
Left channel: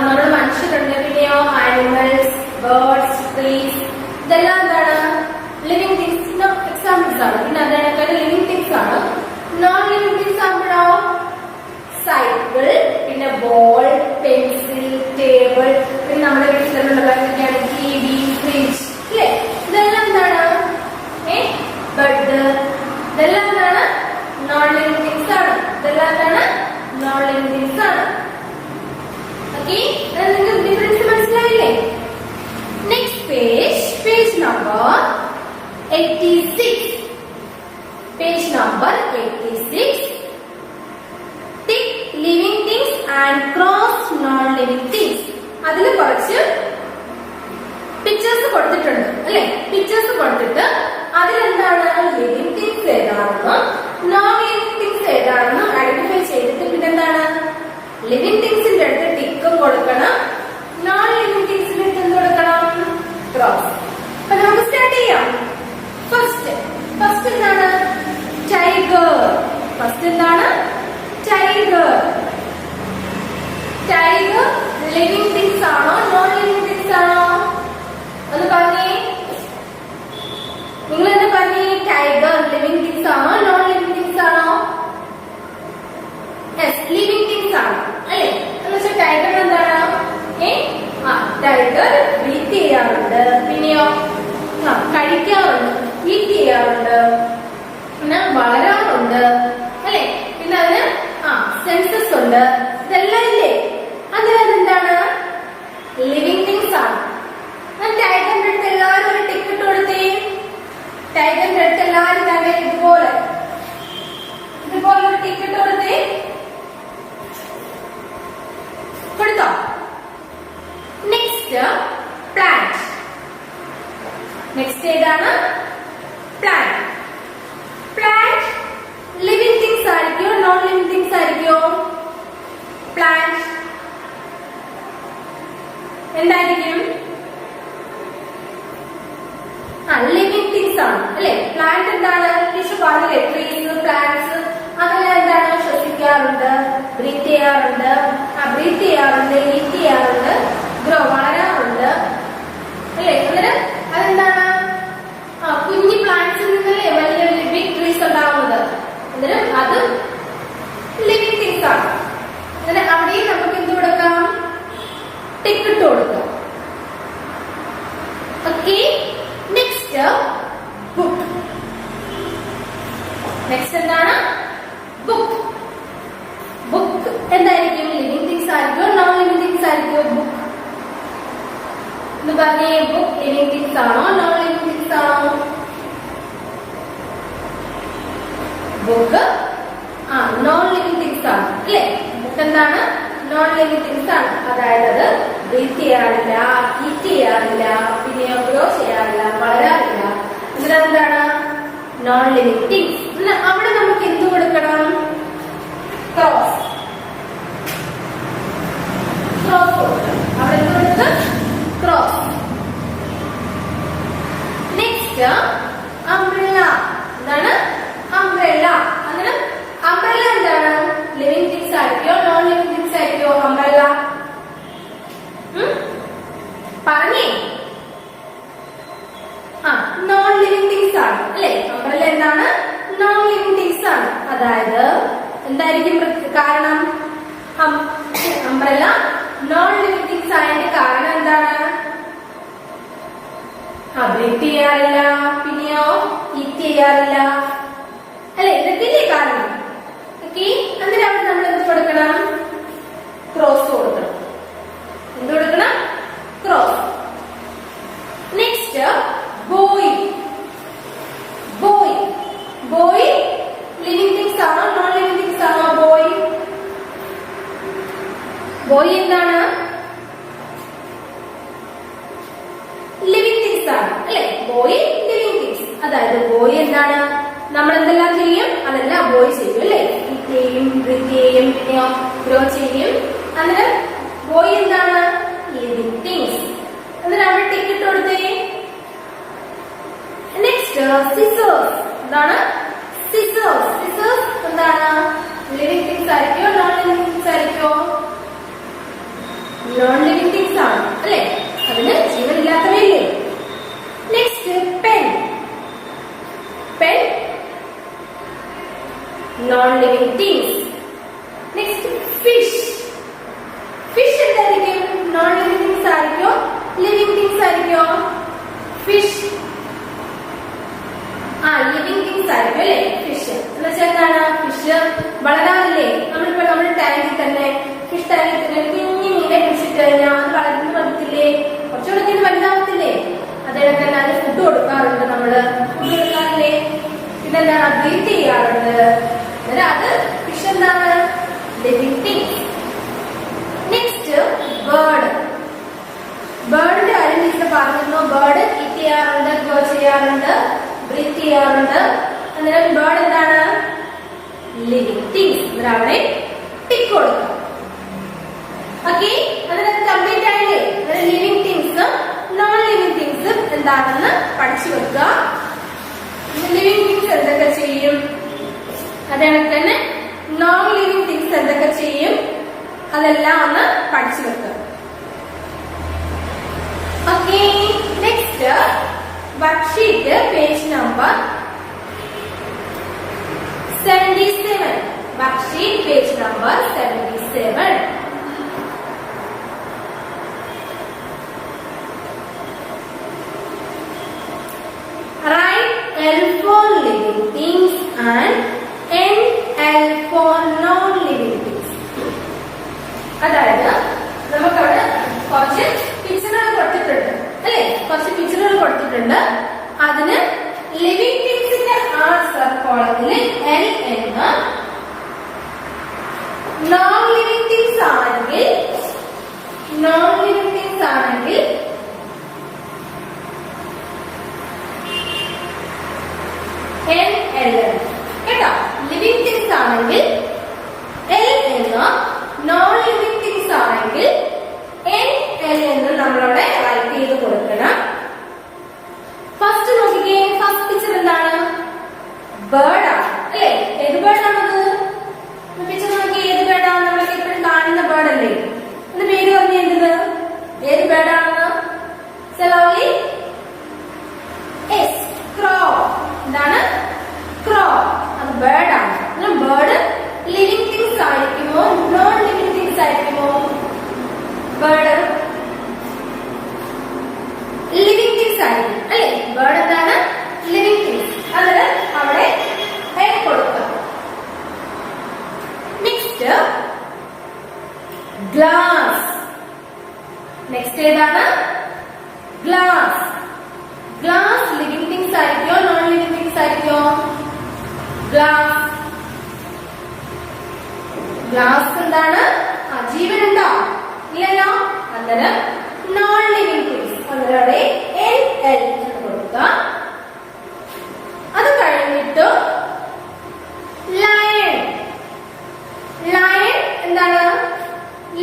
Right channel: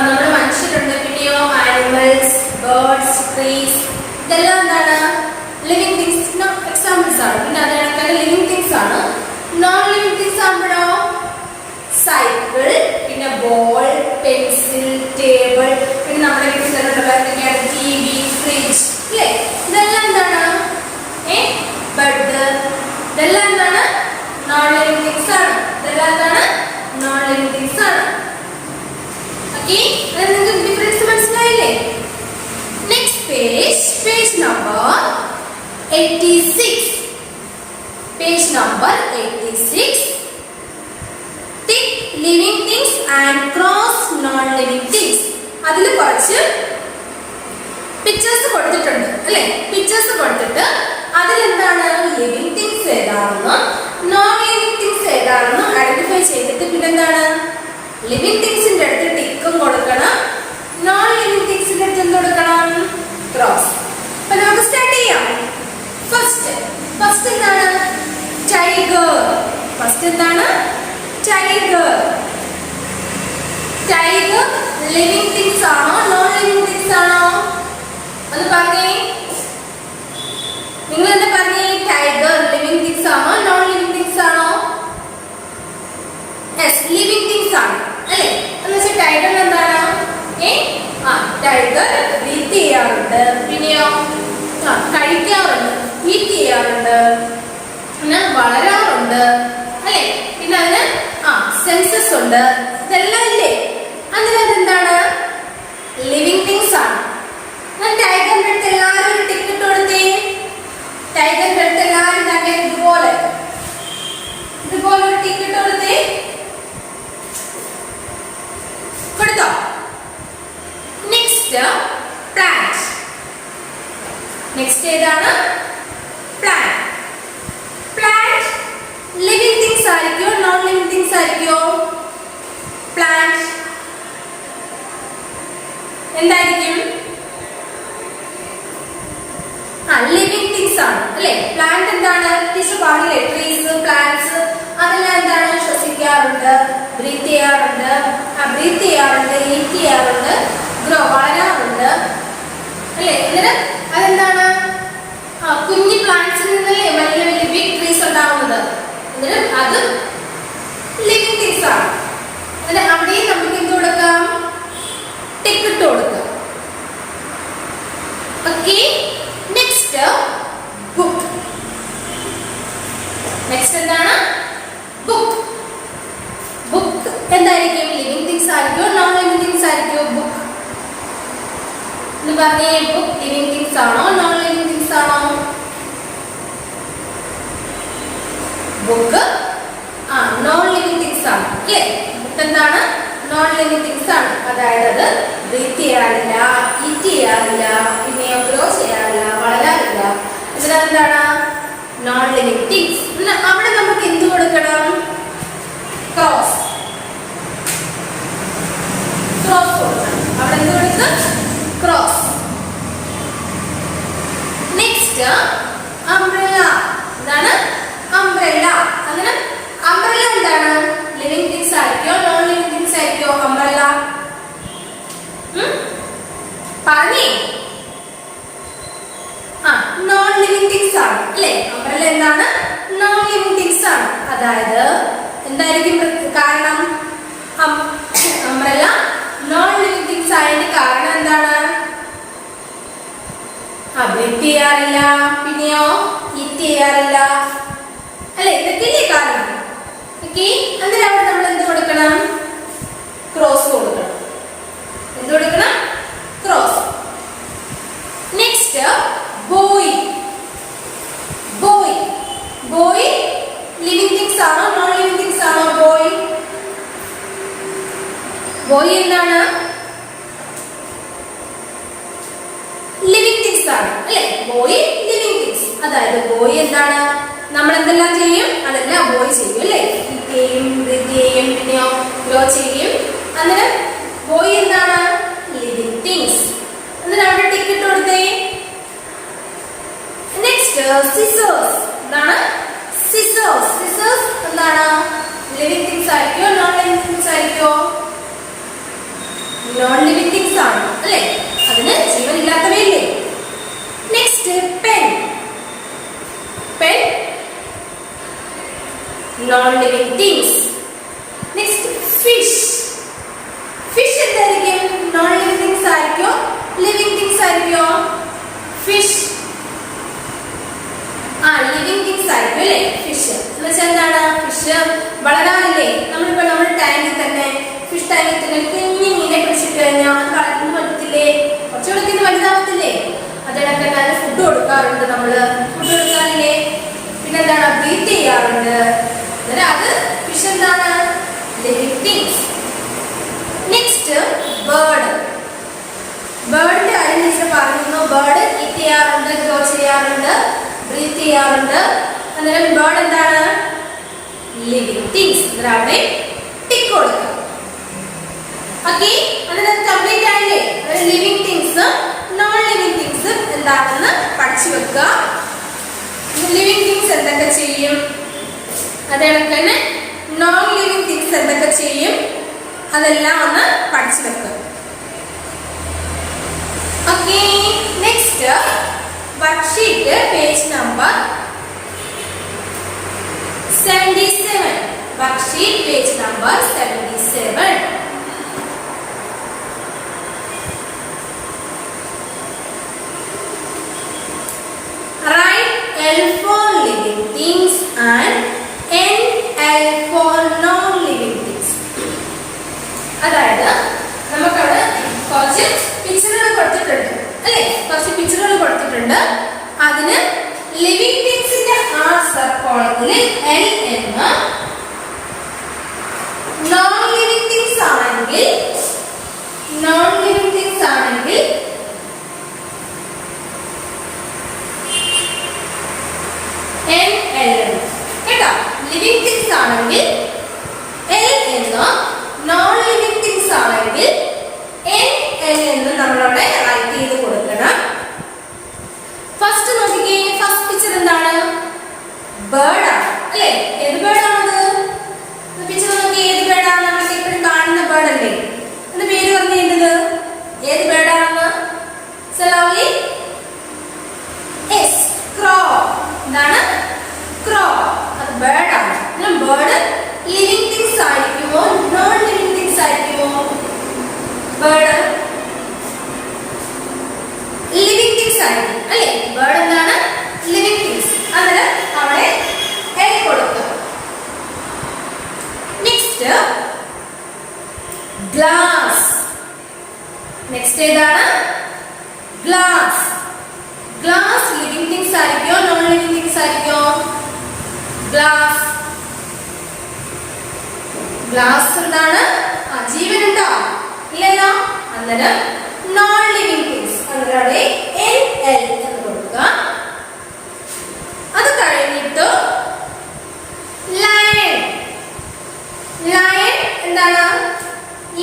നമ്മുടെ മനുഷ്യരുണ്ട്, പിന്നെയോ ആനിമൽസ്, ബേർഡ്സ്, ട്രീസ്, ഇതെല്ലാം എന്താണ്? ലിവിങ് തിങ്സിന്റെ എക്സാമ്പിൾസ് ആണ്. പിന്നെ അതേപോലെ ലിവിങ് തിങ്സ് ആണ്. നോൺ ലിവിങ് തിങ്സ് ആകുമ്പോഴോ സൈക്കിൾ, പിന്നെ ബോൾ, പെൻസിൽ, ടേബിൾ, പിന്നെ നമ്മുടെ വീട്ടിൽ തന്നെ ഉണ്ടല്ലോ എന്തൊക്കെയാണ്? TV, ഫ്രിഡ്ജ്, അല്ലേ? ഇതെല്ലാം എന്താണ്? ബെഡ്, ഇതെല്ലാം എന്താണ്? നോൺ ലിവിങ് തിങ്സ് ആണ്. ഇതെല്ലാം എന്താണ്? നോൺ ലിവിങ് തിങ്സ് ആണ്. ഓക്കെ, നിങ്ങൾക്ക് ഡിഫറൻസ് മനസ്സിലായില്ലേ? Next page number 86. Page number 86. Tick living things and cross non living things. അതിൽ കുറച്ച് പിക്ചേഴ്സ് കൊടുത്തിട്ടുണ്ട്, അല്ലെ? പിക്ചേഴ്സ് കൊടുത്തിട്ട് അതിലെന്താണ് ലിവിങ് തിങ്സ് ഏതാണെന്നും നോൺ ലിവിങ് തിങ്സ് ഏതാണെന്നും ഐഡന്റിഫൈ ചെയ്തിട്ട് പിന്നെന്താണ് ലിവിങ് തിങ്സിന്റെ അടുത്ത് ടിക്കും കൊടുക്കണം, നോൺ ലിവിങ് തിങ്സിന്റെ അടുത്ത് എന്ത് കൊടുക്കണം? ക്രോസ്. അപ്പൊ നമുക്ക് സ്റ്റാർട്ട് ചെയ്യാം. ഫസ്റ്റ് എന്താണ്? ടൈഗർ. ഫസ്റ്റ് എന്താണ്? ടൈഗർ. ടൈഗർ ലിവിങ് തിങ്സ് ആണോ നോൺ ലിവിങ് തിങ്സ് ആണോ? ഒന്ന് പറഞ്ഞേ. നിങ്ങൾ എന്താ പറഞ്ഞേ? ടൈഗർ ലിവിങ് തിങ്സ് ആണോ നോൺ ലിവിങ് തിങ്സ് ആണോ? യെസ്, ലിവിങ് തിങ്സ് ആണ്, അല്ലേ? എന്ന് വെച്ചാൽ ടൈഗർ എന്താണ്? ടൈഗർ ബ്രീത്ത് ചെയ്യാറുണ്ട്, പിന്നെയോ കഴിക്കാറുണ്ട്, ഈറ്റ് ചെയ്യാറുണ്ട്, പിന്നെ വളരാറുണ്ട്, അല്ലേ? പിന്നെ അതിന് സെൻസസ് ഉണ്ട്. ഇതെല്ലാം ഇല്ലേ? അതിന് അതെന്താണ്? ലിവിങ് തിങ്സ് ആണ്. ടൈഗറിന്റെ അടുത്ത് എല്ലാവരും ഒരു ടിക്ക് ഇട്ട് കൊടുത്തേ. ടൈഗറിന്റെ അടുത്ത് എല്ലാവരും തന്നെ ഇതുപോലെ ഒരു ടിക്ക് ഇട്ട് കൊടുത്തേ. കൊടുത്തോ? Next plant. നെക്സ്റ്റ് ഏതാണ്? പ്ലാന്റ്. പ്ലാന്റ് ലിവിങ് തിങ്സ് ആയിരിക്കോ നോൺ ലിവിങ് തിങ്സ് ആയിരിക്കോ? പ്ലാന്റ് എന്തായിരിക്കും? ലിവിങ് തിങ്സ് ആണ്, അല്ലെ? പ്ലാന്റ് എന്താണ്? ടീച്ചർ പറഞ്ഞില്ലേ? ട്രീസ്, പ്ലാന്റ്സ്, അതെല്ലാം എന്താണ്? ശ്വസിക്കാറുണ്ട്, ബ്രീത്ത് ചെയ്യാറുണ്ട്, ഈറ്റ് ചെയ്യാറുണ്ട്, വളരാറുണ്ട്, അല്ലെ? എന്നിട്ട് അതെന്താണ്? കുഞ്ഞി പ്ലാന്റ്സിൽ നിന്നല്ലേ വലിയ വലിയ ബിഗ് ട്രീസ് ഉണ്ടാവുന്നത്. എന്നിട്ട് അത് ലിവിങ് തിങ്സ് ആണ്. എന്നിട്ട് അവിടെയും നമുക്ക് എന്ത് കൊടുക്കാം? ടിക്ക് ഇട്ട് കൊടുക്കാം. Okay, next book. നെക്സ്റ്റ് എന്താണ്? ബുക്ക്. ബുക്ക് എന്തായിരിക്കും? ലിവിങ് തിങ്സ് ആയിരിക്കോ നോൺ ലിവിങ് തിങ്സ് ആയിരിക്കോ? ബുക്ക് എന്ന് പറഞ്ഞേ. ബുക്ക് ലിവിങ് തിങ്സ് ആണോ നോൺ ലിവിങ് തിങ്സ് ആണോ? ബുക്ക് നോൺ ലിവിങ് തിങ്സ് ആണ്, അല്ലേ? ബുക്ക് എന്താണ്? നോൺ ലിവിങ് തിങ്സ് ആണ്. അതായത് അത് ബ്രീത്ത് ചെയ്യാറില്ല, ഈറ്റ് ചെയ്യാറില്ല, പിന്നെ ഗ്രോ ചെയ്യാറില്ല, വളരാറില്ല. ഇതിലെന്താണ്? Non living things. അവിടെ നമുക്ക് എന്ത് കൊടുക്കണം? ക്രോസ്. ക്രോസ് കൊടുക്കണം. അവിടെ എന്ത് കൊടുക്കുക? ക്രോസ്. Next umbrella. എന്താണ്? അംബ്രല്ല. അങ്ങനെ അംബ്രല്ല എന്താണ്? ലിവിങ് തിങ്സ് ആയിരിക്കോ നോൺ ലിവിങ് തിങ്സ് ആയിരിക്കോ? അംബ്രല്ല പറഞ്ഞേ. നോൺ ലിവിങ് തിങ്സ് ആണ്, അല്ലേ? അംബ്രല്ല എന്താണ്? നോൺ ലിവിങ് തിങ്സ് ആണ്. അതായത് എന്തായിരിക്കും കാരണം? അംബ്രല്ല നോൺ ലിവിങ് തിങ്സ് ആയതിന്റെ കാരണം എന്താണ്? ബ്രീത്ത് ചെയ്യാറില്ല, പിന്നെയോ ഈറ്റ് ചെയ്യാറില്ല, അല്ലെ? ഇതൊക്കെയല്ലേ കാരണം. ഓക്കെ, എന്നിട്ട് അവിടെ നമ്മൾ എന്ത് കൊടുക്കണം? ക്രോസ് കൊടുക്കണം. എന്ത് കൊടുക്കണം? Cross. Next boy. Boy. Boy living things ആണോ നോൺ ലിവിങ് തിങ്സ് ആണോ? ബോയ്. ബോയ് എന്താണ്? ലിവിങ് തിങ്സ് ആണ്, അല്ലെ? Boy living things. അതായത് ബോയ് എന്താണ്? നമ്മൾ എന്തെല്ലാം ചെയ്യും? അതെല്ലാം ബോയ് ചെയ്യും, അല്ലേ? ഈറ്റ് ചെയ്യും, ബ്രീത്ത് ചെയ്യും, പിന്നെയോ ഗ്രോ ചെയ്യും. അന്നേരം ബോയ് എന്താണ്? Living things. എന്നിട്ട് അവിടെ ടിക്ക് ഇട്ട് കൊടുത്തേ. സിസേഴ്സ്. എന്താണ്? സിസേഴ്സ്. സിസേഴ്സ് എന്താണ്? ലിവിങ് തിങ്സ് ആയിരിക്കോ നോൺ ലിവിങ് തിങ്സ് ആയിരിക്കോ? നോൺ ലിവിങ് തിങ്സ് ആണ് അല്ലേ? അതിന് ജീവനില്ലാത്തവയല്ലേ? Next pen. Pen non living things. Next fish. Fish എന്തായിരിക്കും? നോൺ ലിവിങ് തിങ്സ് ആയിരിക്കോ ലിവിങ് തിങ്സ് ആയിരിക്കോ? ഫിഷ് ലിവിങ് തിങ്സ് ആയിരിക്കും അല്ലേ? ഫിഷ് എന്ന് വെച്ചാൽ എന്താണ്? ഫിഷ് വളരാറില്ലേ? നമ്മുടെ ടാങ്കിൽ തന്നെ ഫിഷ് ടാങ്കിൽ തന്നെ കുഞ്ഞു മീനെ പിടിച്ചിട്ട് കഴിഞ്ഞാൽ അത് വളർന്നു പറ്റത്തില്ലേ? കുറച്ച് വെള്ളത്തിൽ വലുതാവത്തില്ലേ? അതിടക്ക് തന്നെ അതിന് ഫുഡ് കൊടുക്കാറുണ്ട്. നമ്മള് ഫുഡ് കൊടുക്കാറില്ലേ? പിന്നെ എന്താണ്? ബ്രീത്ത് ചെയ്യാറുണ്ട്. അത് ഫിഷ് എന്താണ്? Living things. Next bird. ബേർഡിന്റെ കാര്യം ടീച്ചർ പറഞ്ഞിരുന്നു. ബേർഡ് ഈറ്റ് ചെയ്യാറുണ്ട്, ഗ്രോ ചെയ്യാറുണ്ട്, ബ്രീത്ത് ചെയ്യാറുണ്ട്. അന്നേരം ബേർഡ് എന്താണ്? Living things. അന്നേരം അവിടെ ടിക്ക് കൊടുക്കാം. ഓക്കെ, അതിനകത്ത് കംപ്ലീറ്റ് ആയില്ലേ? Living things non living things എന്താണെന്ന് പഠിച്ചു വെക്കുക. ലിവിങ് തിങ്സ് എന്തൊക്കെ ചെയ്യും, അതേണക്ക് തന്നെ നോൺ ലിവിങ് തിങ്സ് എന്തൊക്കെ ചെയ്യും, അതെല്ലാം ഒന്ന് പഠിച്ചു വെക്കുക. Okay, next worksheet page number 77. Worksheet page number 77. Write L for living things and NL for non-living things. അതായത് നമുക്കവിടെ കുറച്ച് പിക്ചറുകൾ കൊടുത്തിട്ടുണ്ട് അല്ലേ? കുറച്ച് പിക്ചറുകൾ കൊടുത്തിട്ടുണ്ട്. അതിന് ലിവിങ് തിങ്സിന്റെ ആ സബ് കോളത്തില് L എന്ന്, നോൺ ലിവിങ് തിങ്സ് ആണെങ്കിൽ NL കേട്ടോ. ലിവിങ് തിങ്സ് ആണെങ്കിൽ L എന്ന്, നോൺ ലിവിങ് തിങ്സ് ആണെങ്കിൽ NL എന്ന് നമ്മളവിടെ റൈറ്റ് ചെയ്ത് കൊടുക്കണം. ഫസ്റ്റ് നോക്കിക്കേ, ഫസ്റ്റ് പിക്ചർ എന്താണ്? ബേർഡ് ആണ് അല്ലേ? ഏത് ബേർഡ് ആണത്? പിക്ചർ നോക്കി, ഏത് ബേർഡാണ്? നമ്മളൊക്കെ എപ്പോഴും കാണുന്ന ബേർഡ് അല്ലേ? എന്ന് പേര് പറഞ്ഞത് ഏത് ബേർഡാണെന്ന്? ലവ്ലി ക്രോ. എന്താണ്? ക്രോ. അത് ബേർഡ് ആണ്. ബേർഡ് ലിവിങ് തിങ്സ് ആയിരിക്കുമോ നോൺ ലിവിങ് തിങ്സ് ആയിരിക്കുമോ? ബേർഡ് ലിവിങ് തിങ്സ് ആയിരിക്കും അല്ലേ? ബേർഡ് എന്താണ്? Living things. അന്നേരം അവിടെ L കൊടുക്കുക. Next glass. നെക്സ്റ്റ് ഏതാണ്? ഗ്ലാസ്. ഗ്ലാസ് ലിവിങ് തിങ്സ് ആയിരിക്കോ നോൺ ലിവിങ് തിങ്സ് ആയിരിക്കോ? ഗ്ലാസ്. ഗ്ലാസ് എന്താണ്? ജീവനുണ്ടോ? ഇല്ലല്ലോ. അന്നേരം നോൺ ലിവിങ് തിങ്സ്. അന്നേരം അവിടെ NL എന്ന് കൊടുക്കുക. അത് കഴിഞ്ഞിട്ട് ലയൺ. ലയൺ എന്താണ്?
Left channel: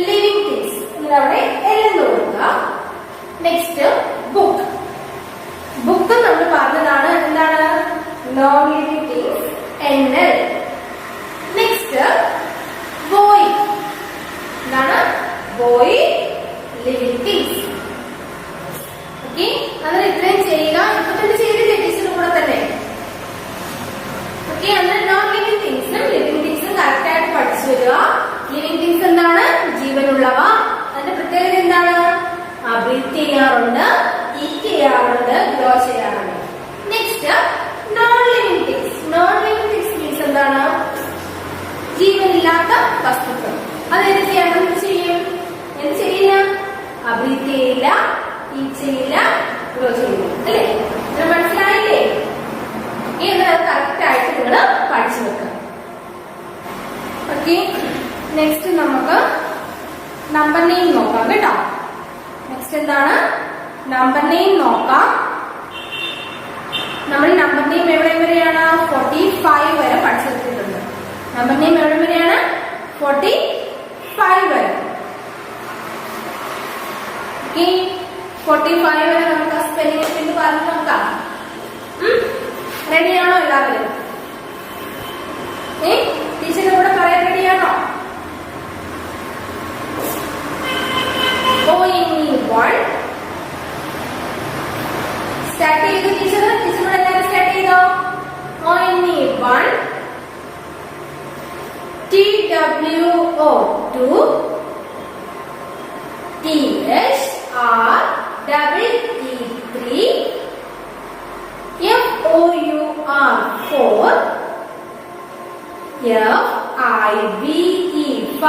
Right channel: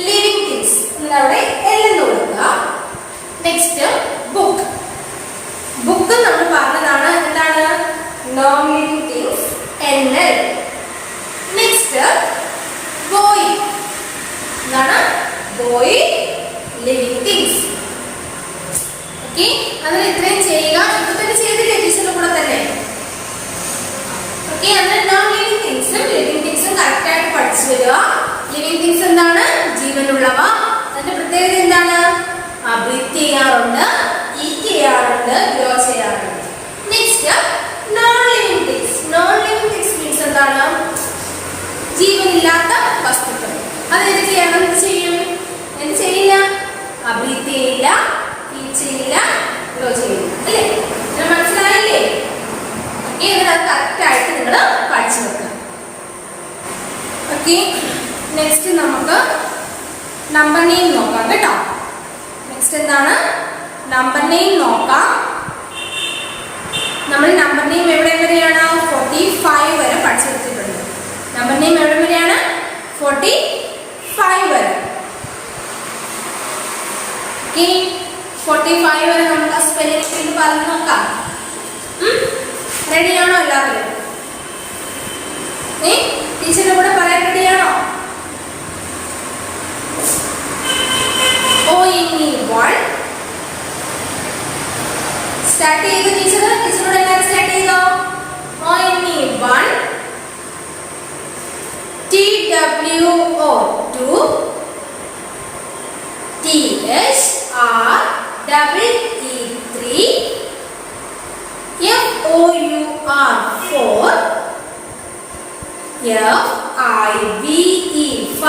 Living things. അന്നേരം അവിടെ L എന്ന് കൊടുക്കുക. Next book. ബുക്ക് നമ്മൾ പറഞ്ഞതാണ് എന്താണ്? Non living things NL. Next boy. എന്താണ്? Boy living things. ഓക്കെ, അതിന് ഇത്രയും ചെയ്യുക. ഇപ്പൊ തന്നെ ചെയ്തില്ലേ ടീച്ചറിന്റെ കൂടെ തന്നെ? ഓക്കെ, അതിന് നോൺ ലിവിങ് തിങ്സും ലിവിങ് തിങ്സും കറക്റ്റ് ആയിട്ട് പഠിച്ചു വരിക. ലിവിങ് തിങ്സ് എന്താണ്? ജീവനുള്ളവ. അതിന്റെ പ്രത്യേകത എന്താണ്? ബ്രീത്ത് ചെയ്യാറുണ്ട്, ഈറ്റ് ചെയ്യാറുണ്ട്, ഗ്രോ ചെയ്യാറുണ്ട്. Next non living things. Non living things means എന്താണ്? ജീവനില്ലാത്ത വസ്തുക്കൾ. അത് എന്ത് ചെയ്യണം? എന്ത് ചെയ്യില്ല? ബ്രീത്ത് ചെയ്യില്ല, ഈറ്റ് ചെയ്യില്ല, ഗ്രോ ചെയ്യില്ല അല്ലേ? മനസ്സിലായില്ലേ? ഓക്കെ, എന്നാൽ അത് കറക്റ്റ് ആയിട്ട് നിങ്ങൾ പഠിച്ചു വെക്കുക. ഓക്കെ, നെക്സ്റ്റ് നമുക്ക് നമ്പർ നെയിം നോക്കാം കേട്ടോ. നെക്സ്റ്റ് എന്താണ്? നമ്പർ നെയിം നോക്കാം. നമ്മൾ നമ്പർ നെയിം എവിടെ വരെയാണ്? 45 വരെ പഠിച്ചു വെച്ചിട്ടുണ്ട്. നമ്പർ നെയിം എവിടെ വരെയാണ്? 45 വരെ. ഓക്കെ, 45 വരെ നമുക്ക് സ്പെല്ലിംഗ് ഒക്കെ പറഞ്ഞു നോക്കാം. റെഡിയാണോ എല്ലാവരും? ടീച്ചറിന്റെ കൂടെ പറയാൻ റെഡിയാണോ? ONE1 സ്റ്റാർട്ട് ചെയ്തു ടീച്ചറോട് എല്ലാവരും സ്റ്റാർട്ട് ചെയ്തോ? ONE1 TWO2 THREE3 FOUR4 FIVE5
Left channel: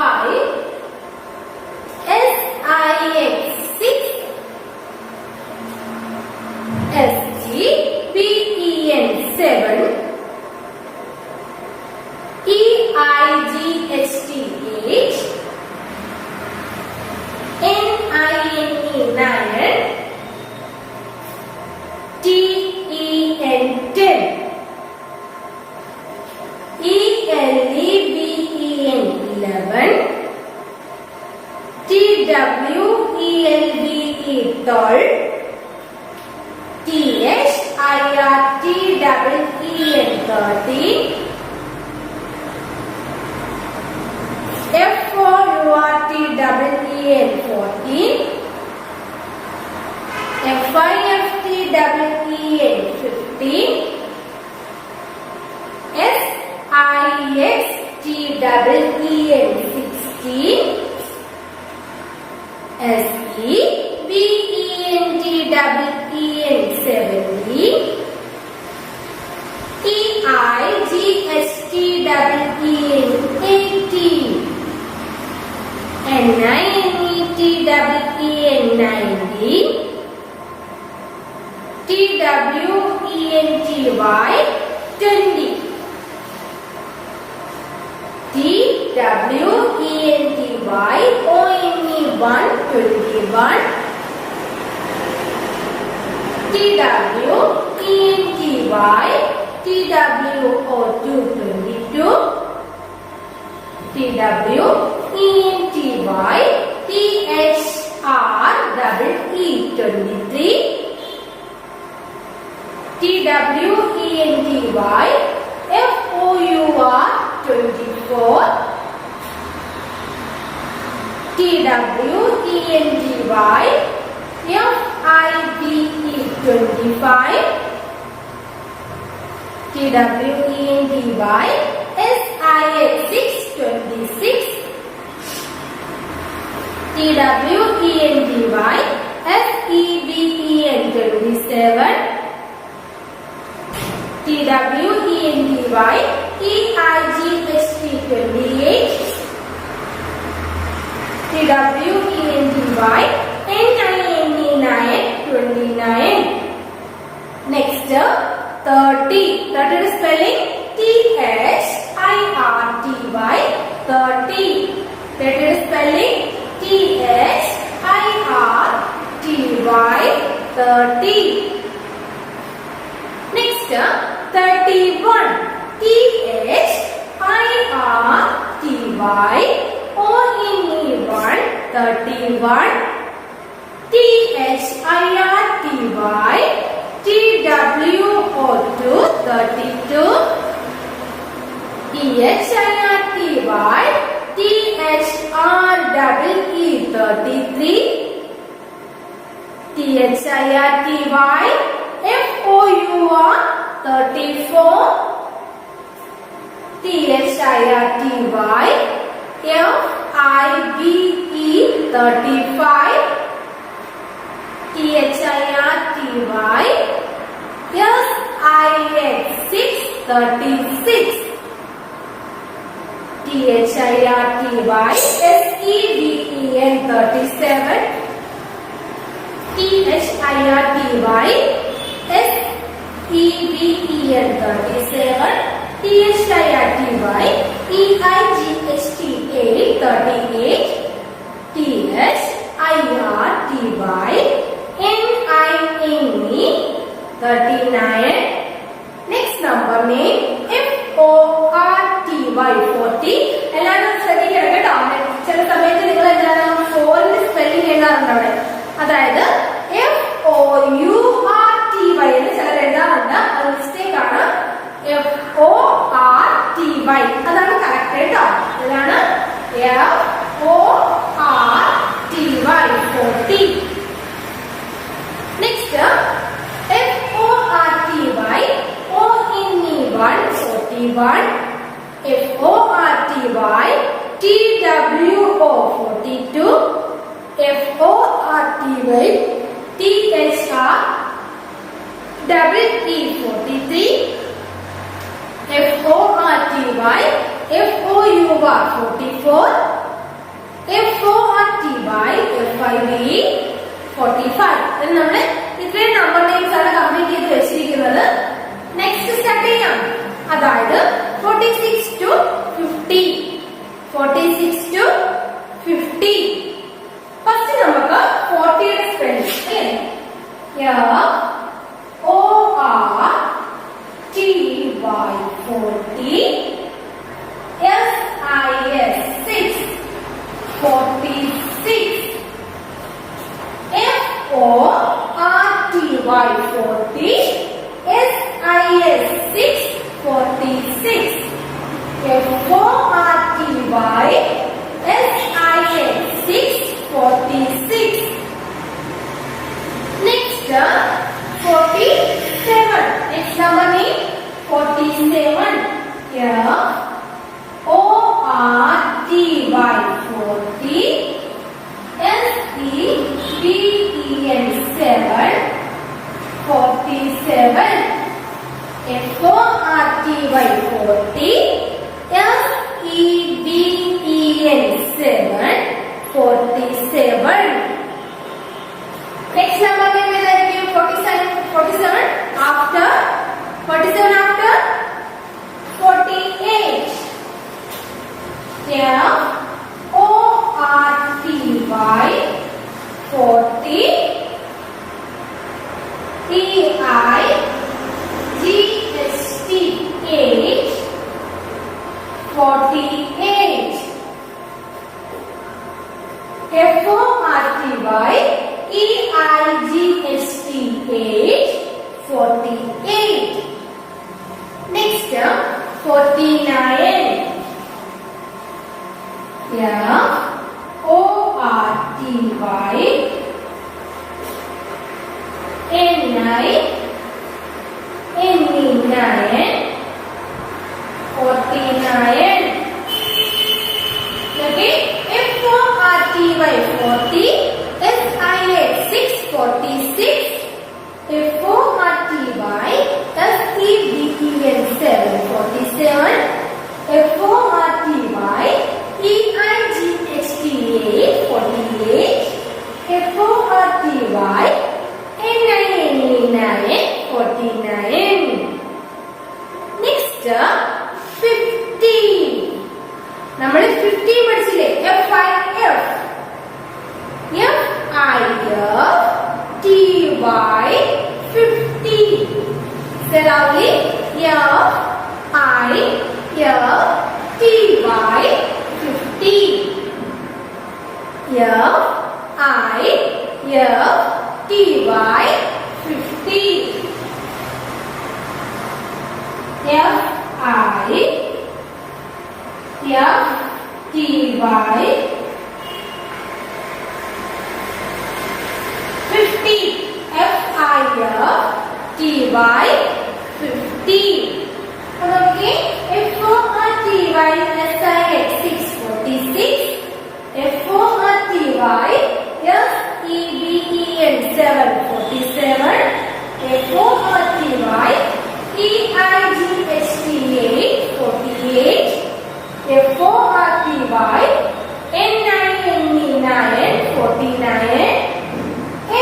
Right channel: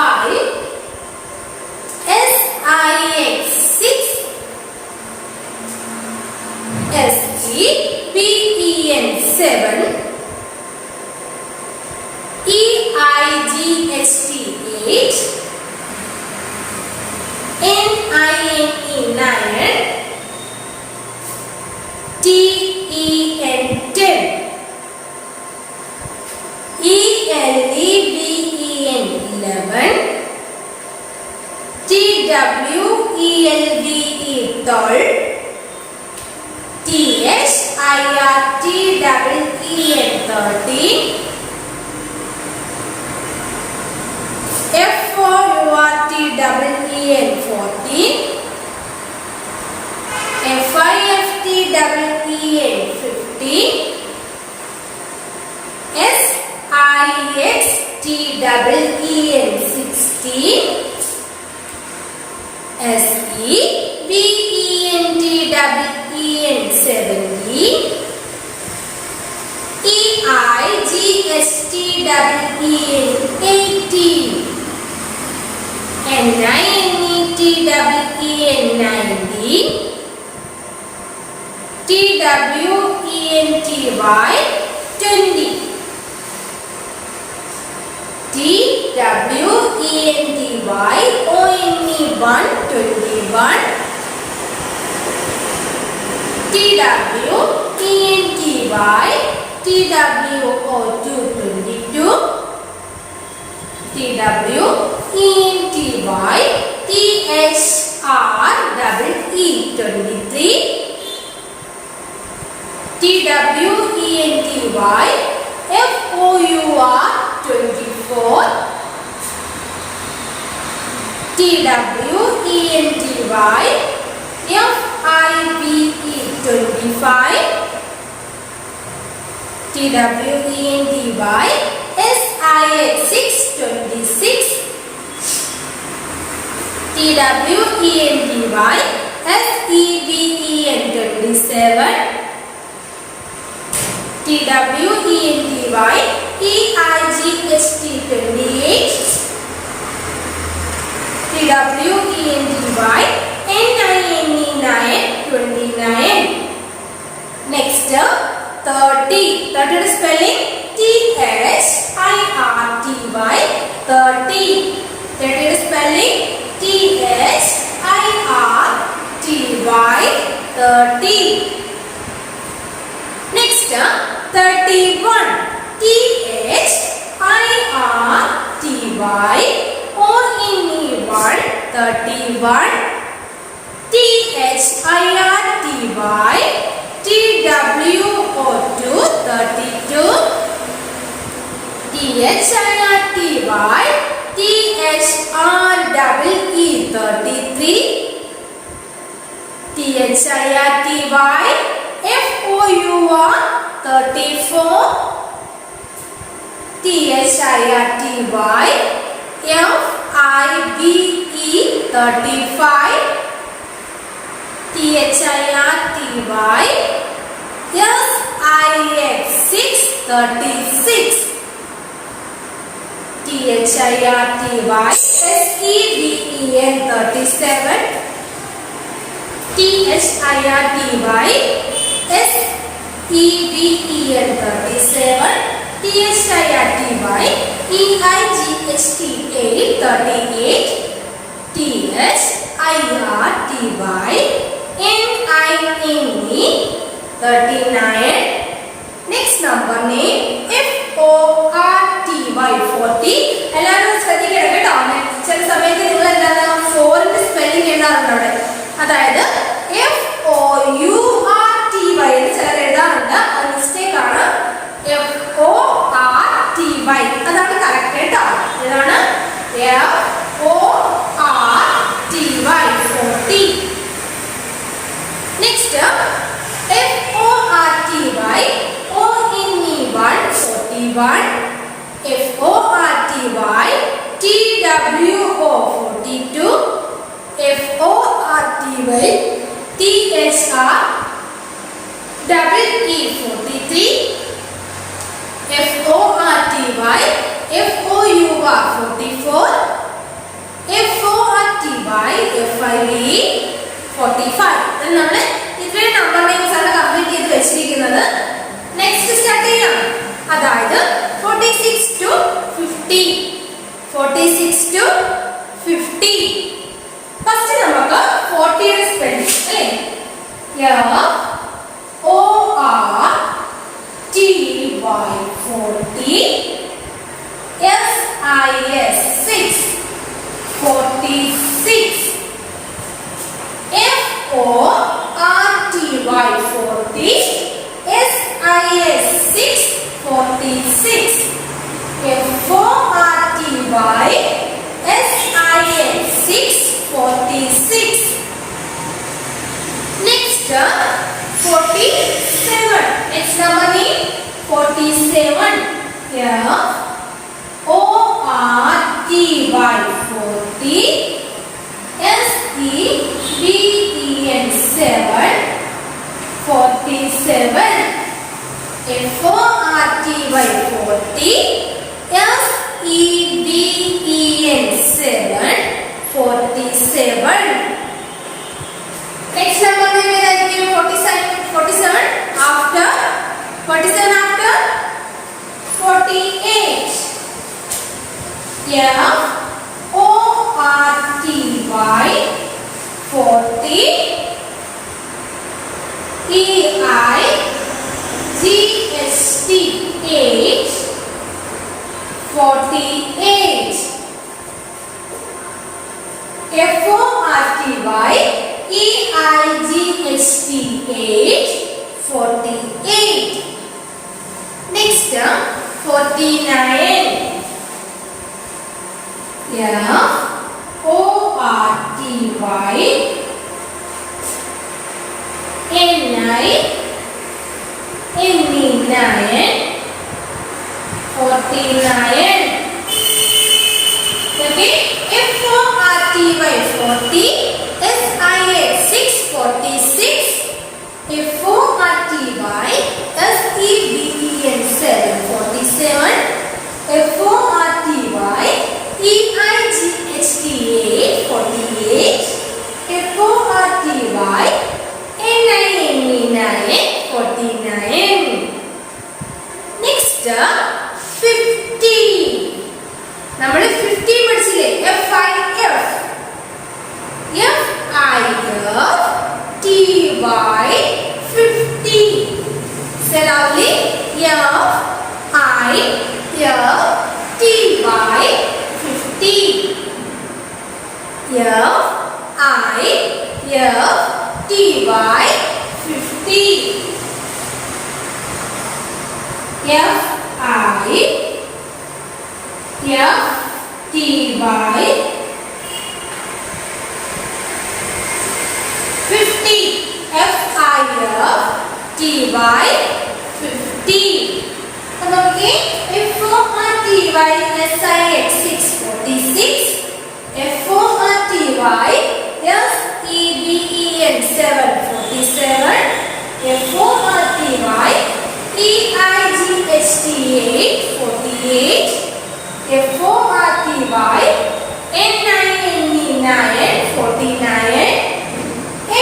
SIX6 SGPEN7 EIGHT8 NINE9 TEN10 ELEVEN11 TWELVE12 THIRTEEN13 FOURTEEN14 FIFTEEN15 SIXTEEN16 SEVENTEEN17 EIGHTEEN18 NINETEEN19 TWENTY 20 TWENTY ONE1 21 TWENTY TWO2 22 TWENTY THREE 23 TWENTY FOUR 24 TWENTY FIVE 25 TWENTY SIX6 26 TWENTY FEVEN 27 TWENTY EIGHT 28 TWENTY NINE 29 Next 30 30 spelling THIRTY 30 30 spelling THIRTY 30 Next 31 THIRTY ONE1 31 THIRTY TWO2 32 THIRTY THREE 33 THIRTY FOUR 34 THIRTY FIVE 35 THIRTY SIX6 36 THIRTY SEVEN 37 THIRTY SEVEN 37 THIRTY EIGHT 38 THIRTY NINE 39 Next number name FORTY 40 എല്ലാവരും ശ്രദ്ധിക്കണം കേട്ടോ. ചില സമയത്ത് നിങ്ങൾ എന്താണ് 4ന്റെ സ്പെല്ലിംഗ് എഴുതാറുണ്ട് അവിടെ. അതായത് FOURTY എന്ന് ചിലർ എഴുതാറുണ്ട്. അത് മിസ്റ്റേക്ക് ആണ്. F-O-R-T-Y 40. Next, F-O-R-T-Y O-N-E-1 41. F-O-R-T-Y T-W-O 42. F-O-R-T-Y T-H-R-E-E 43. F-O-R-T-Y F-O-U-R 44. F-O-R-T-Y F-I-V-E 45. ഇതിൽ നമ്മൾ ഇത്രയും നമ്പർ നെയിംസ് ആണ് കംപ്ലീറ്റ് ചെയ്ത് വെച്ചിരിക്കുന്നത്. നെക്സ്റ്റ് സ്റ്റാർട്ട് ചെയ്യാം. അതായത് 46 to 50. 46 to 50. ഫസ്റ്റ് നമുക്ക് 40 യുടെ സ്പെല്ലിംഗ് അല്ലേ? F-O-R-T-Y 40. S-I-S 6 46. F-O-R-T-Y 40. S-I-S 6 46. F-O-R-T-Y S-I-S 6 46. Next 47. Next number name 47. F-O-R-T-Y 40. S-E-V-E-N 7 47. F-O-R-T-Y 40. S-E-V-E-N 7 47. Next number name is 47 after 47 after 48. F-O-R-T-Y 40. E-I-G-H-T 8 48. F-O-R-T-Y E-I-G-H-T 8 48. Next 49. F-O-R-T-Y N-I-N-E-9 49. Okay, F-O-R-T-Y 40. S-I-X 6 46. F-O-R-T-Y S-E-V-E-N 7 47. F-O-R-T-Y E-I-G-H-T 8 48. F-O-R-T-Y N-I-N-E-9 49. Next 50. നമ്മൾ 50 പഠിച്ചില്ലേ? F-I-F F-I-F-T-Y 50. Say loudly. F-I-F-T-Y 50. F-I-F-T-Y 50. F-I-F-T-Y 50. F-I-F-T-Y 50. Okay. F-O-R-T-Y S-I-X 646. F-O-R-T-Y S-E-V-E-N 747. F-O-R-T-Y E-I-G-H-T 848. F-O-R-T-Y N-I-N-E-9 49.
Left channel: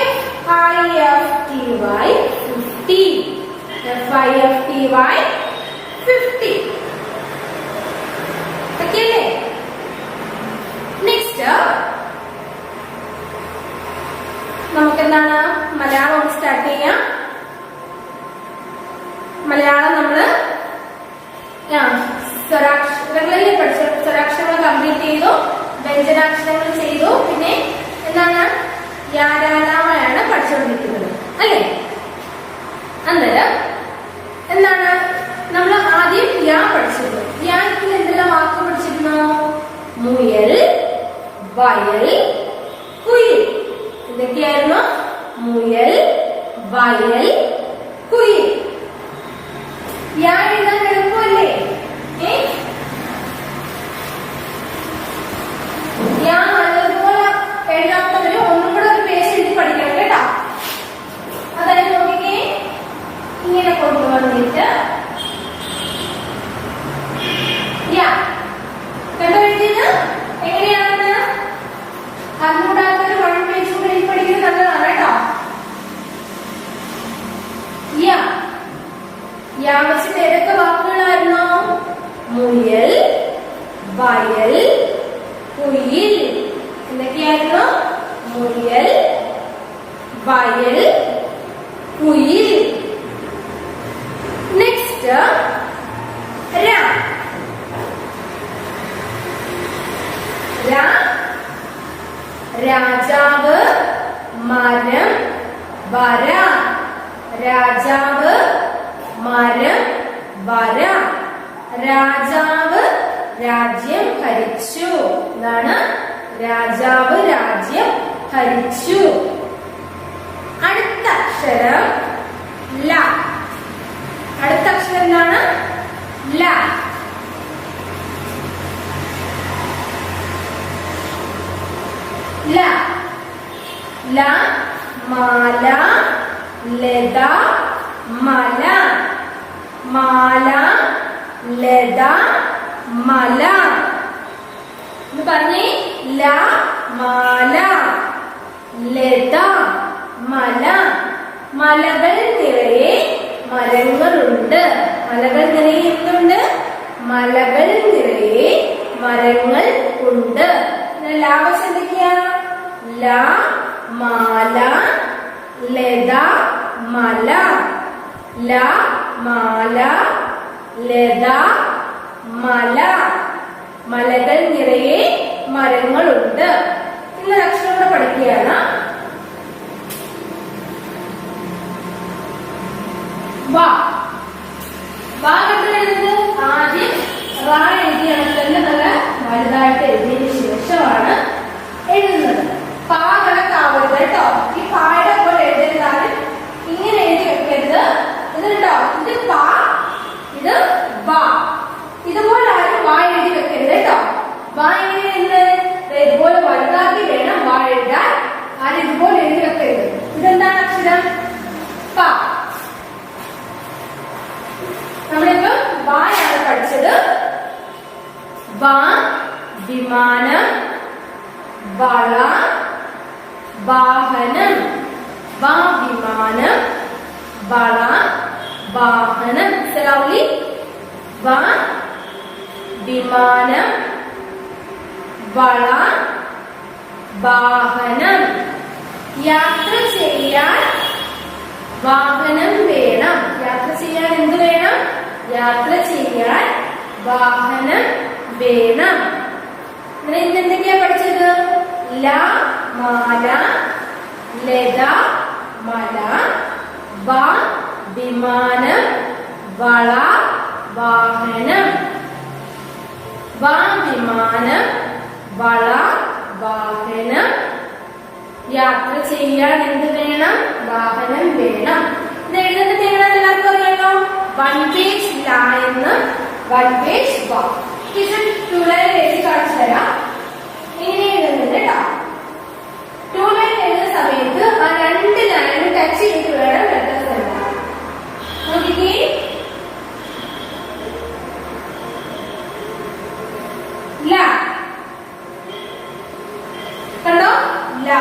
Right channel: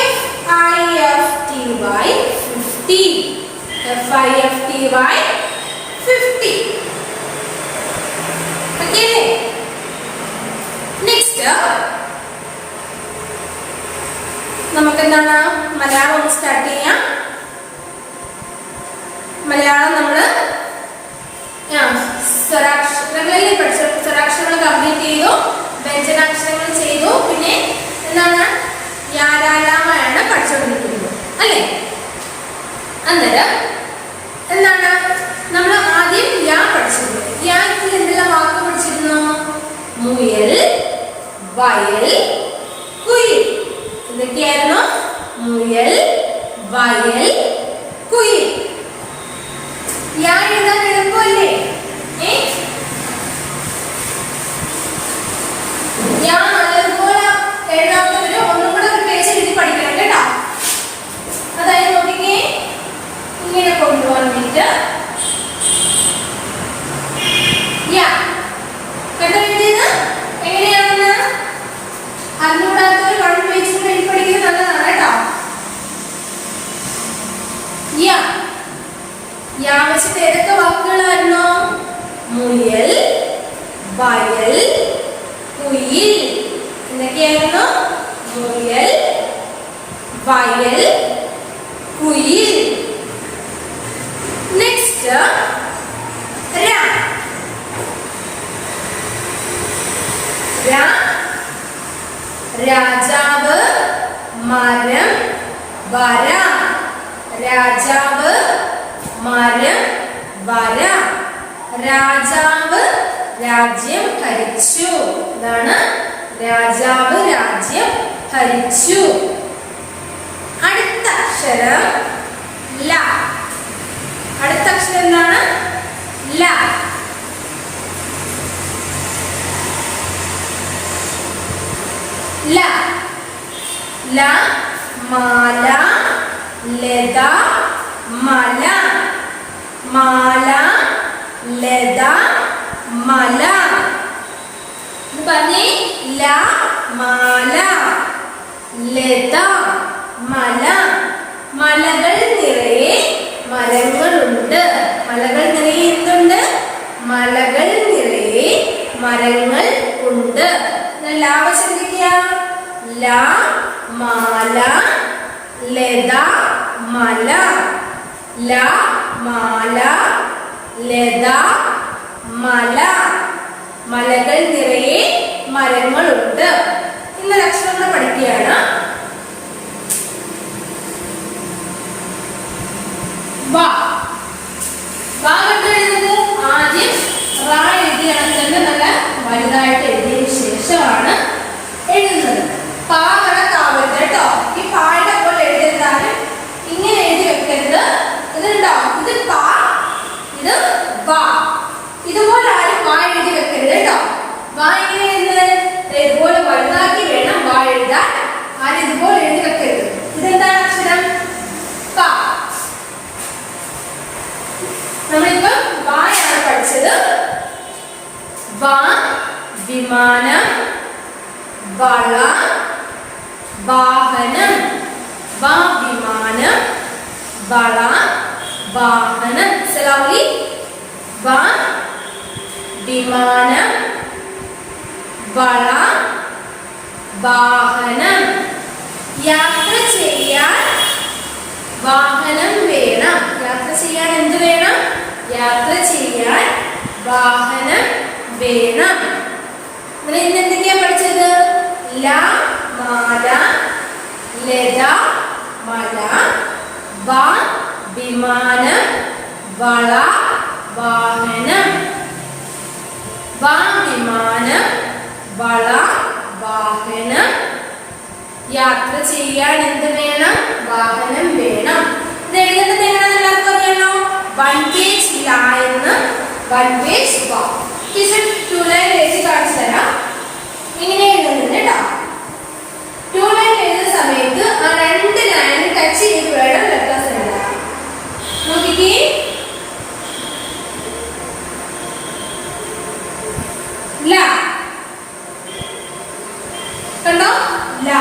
F-I-F-T-Y 50. F-I-F-T-Y 50. Okay. Next നമുക്ക് എന്താണ് മലയാളം സ്റ്റാർട്ട് ചെയ്യാം. മലയാളം നമ്മൾ സ്വരാക്ഷരങ്ങളിൽ പഠിച്ച സ്വരാക്ഷരങ്ങൾ കംപ്ലീറ്റ് ചെയ്തു, വ്യഞ്ജനാക്ഷരങ്ങൾ ചെയ്തു, പിന്നെ എന്താണ് യാരാലാമാണ് പഠിച്ചുകൊണ്ടിരിക്കുന്നത് അല്ലേ? അന്നേരം എന്താണ് നമ്മൾ ആദ്യം യാ പഠിച്ചിരുന്നു. യാക്ക് എന്തെല്ലാം വാക്ക് പഠിച്ചിരുന്നു? മുയൽ, വയൽ, കുയിൽ. എന്തൊക്കെയായിരുന്നു? മുയൽ, വയൽ, കുയിൽ. യാ എഴുതാൻ എളുപ്പമല്ലേ? യാ നല്ലതുപോലെ എഴുതാത്തവര് ഒന്നും കൂടെ ഒരു പേജ് എഴുതി പഠിക്കണം കേട്ടോ. അതായത് നോക്കിക്കേ, ഇങ്ങനെ കൊണ്ടുപോകാൻ വേണ്ടിട്ട് യാ എന്താ എഴുതിയത്? എങ്ങനെയാണെന്ന് അറിഞ്ഞുകൂടാത്തൊരു 1 പേജ് കൂടെ എഴുതി പഠിക്കുന്നത് നല്ലതാണ് കേട്ടോ. യാ യാ വെച്ചിട്ട് ഏതൊക്കെ വാക്കുകളായിരുന്നു? മുയൽ, വയൽ, കുയിൽ. എന്തൊക്കെയായിരുന്നു? മുയൽ, വയൽ, കുയിൽ. നെക്സ്റ്റ് രാജാവ്, മരം, വര. രാജാവ്, മരം, വര. രാജാവ് രാജ്യം ഭരിച്ചു. എന്താണ്? രാജാവ് രാജ്യം ഭരിച്ചു. അടുത്ത അക്ഷരം ല. അടുത്ത അക്ഷരം എന്താണ്? ല. ല ല മാല, ലത, മല. മാല, ലത, മല. എന്ന് പറഞ്ഞേ. ല മാല, ലത, മല. മലകൾ നിറയെ മരങ്ങളുണ്ട്. മലകൾ നിറയെ എന്തുണ്ട്? മലകൾ നിറയെ മരങ്ങൾ ഉണ്ട്. ലാവശം എന്തൊക്കെയാ? ല മാല, ലത, മല. ല മാല, ലത, മല. മലകൾ നിറയെ മരങ്ങളുണ്ട്. ഇന്നൊരു അക്ഷരം കൂടെ പഠിക്കുകയാണ്. വാ. വാ കണ്ടു എഴുതുന്നത് ആദ്യം റാ എഴുതി കണക്ക് നല്ല വലുതായിട്ട് എഴുതിയതിനു ശേഷമാണ് എഴുതുന്നത്. പാ കണക്കാവരുത് കേട്ടോ. ഈ പായുടെ പോലെ എഴുതരുതാണ്. ഇങ്ങനെ എഴുതി വെക്കരുത്. ഇതുണ്ടോ? ഇത് പാ, ഇത് വാ. ഇതുപോലെ ആരും വാ എഴുതി വെക്കരുത് കേട്ടോ. വാ എങ്ങനെ എഴുതുന്നത്? ഇതുപോലെ വലുതാക്കി വേണം വാ എഴുതാൻ. ആരും ഇതുപോലെ എഴുതി വെക്കരുത്. ഇതെന്താണ് അക്ഷരം? പാ. നമ്മളിപ്പം വായാണ് പഠിച്ചത്. വാ വിമാനം, വള, വാഹനം. വാ വിമാനം, വള, വാഹനം. സലാമി. വാ വിമാനം, വള, വാഹനം. യാത്ര ചെയ്യാൻ വാഹനം വേണം. യാത്ര ചെയ്യാൻ എന്ത് വേണം? യാത്ര ചെയ്യാൻ വാഹനം വേണം. ഇന്ന് എന്തൊക്കെയാ പഠിച്ചത്? ല മാല, ലത, മല. വാ വിമാനം, വള, വാഹനം. വാ വിമാനം, വള, വാഹനം. യാത്ര ചെയ്യാൻ എന്ത് വേണം? വാഹനം വേണം. ഇത് എഴുതുന്നത് എങ്ങനെയാണെന്ന് എല്ലാവർക്കും അറിയാലോ. 1 പേജ് ല എന്ന്, 1 പേജ് വാ. ടീച്ചർ 2 ലൈൻ എഴുതി കാണിച്ചു തരാം. ഇങ്ങനെ എഴുതുന്നത് കേട്ടോ. 2 ലൈൻ എഴുതുന്ന സമയത്ത് ആ 2 ലൈൻ ടച്ച് ചെയ്ത് വേണം ലെറ്റേഴ്സ് എഴുതാൻ. നോക്കിക്കേ. ല കണ്ടോ? ല.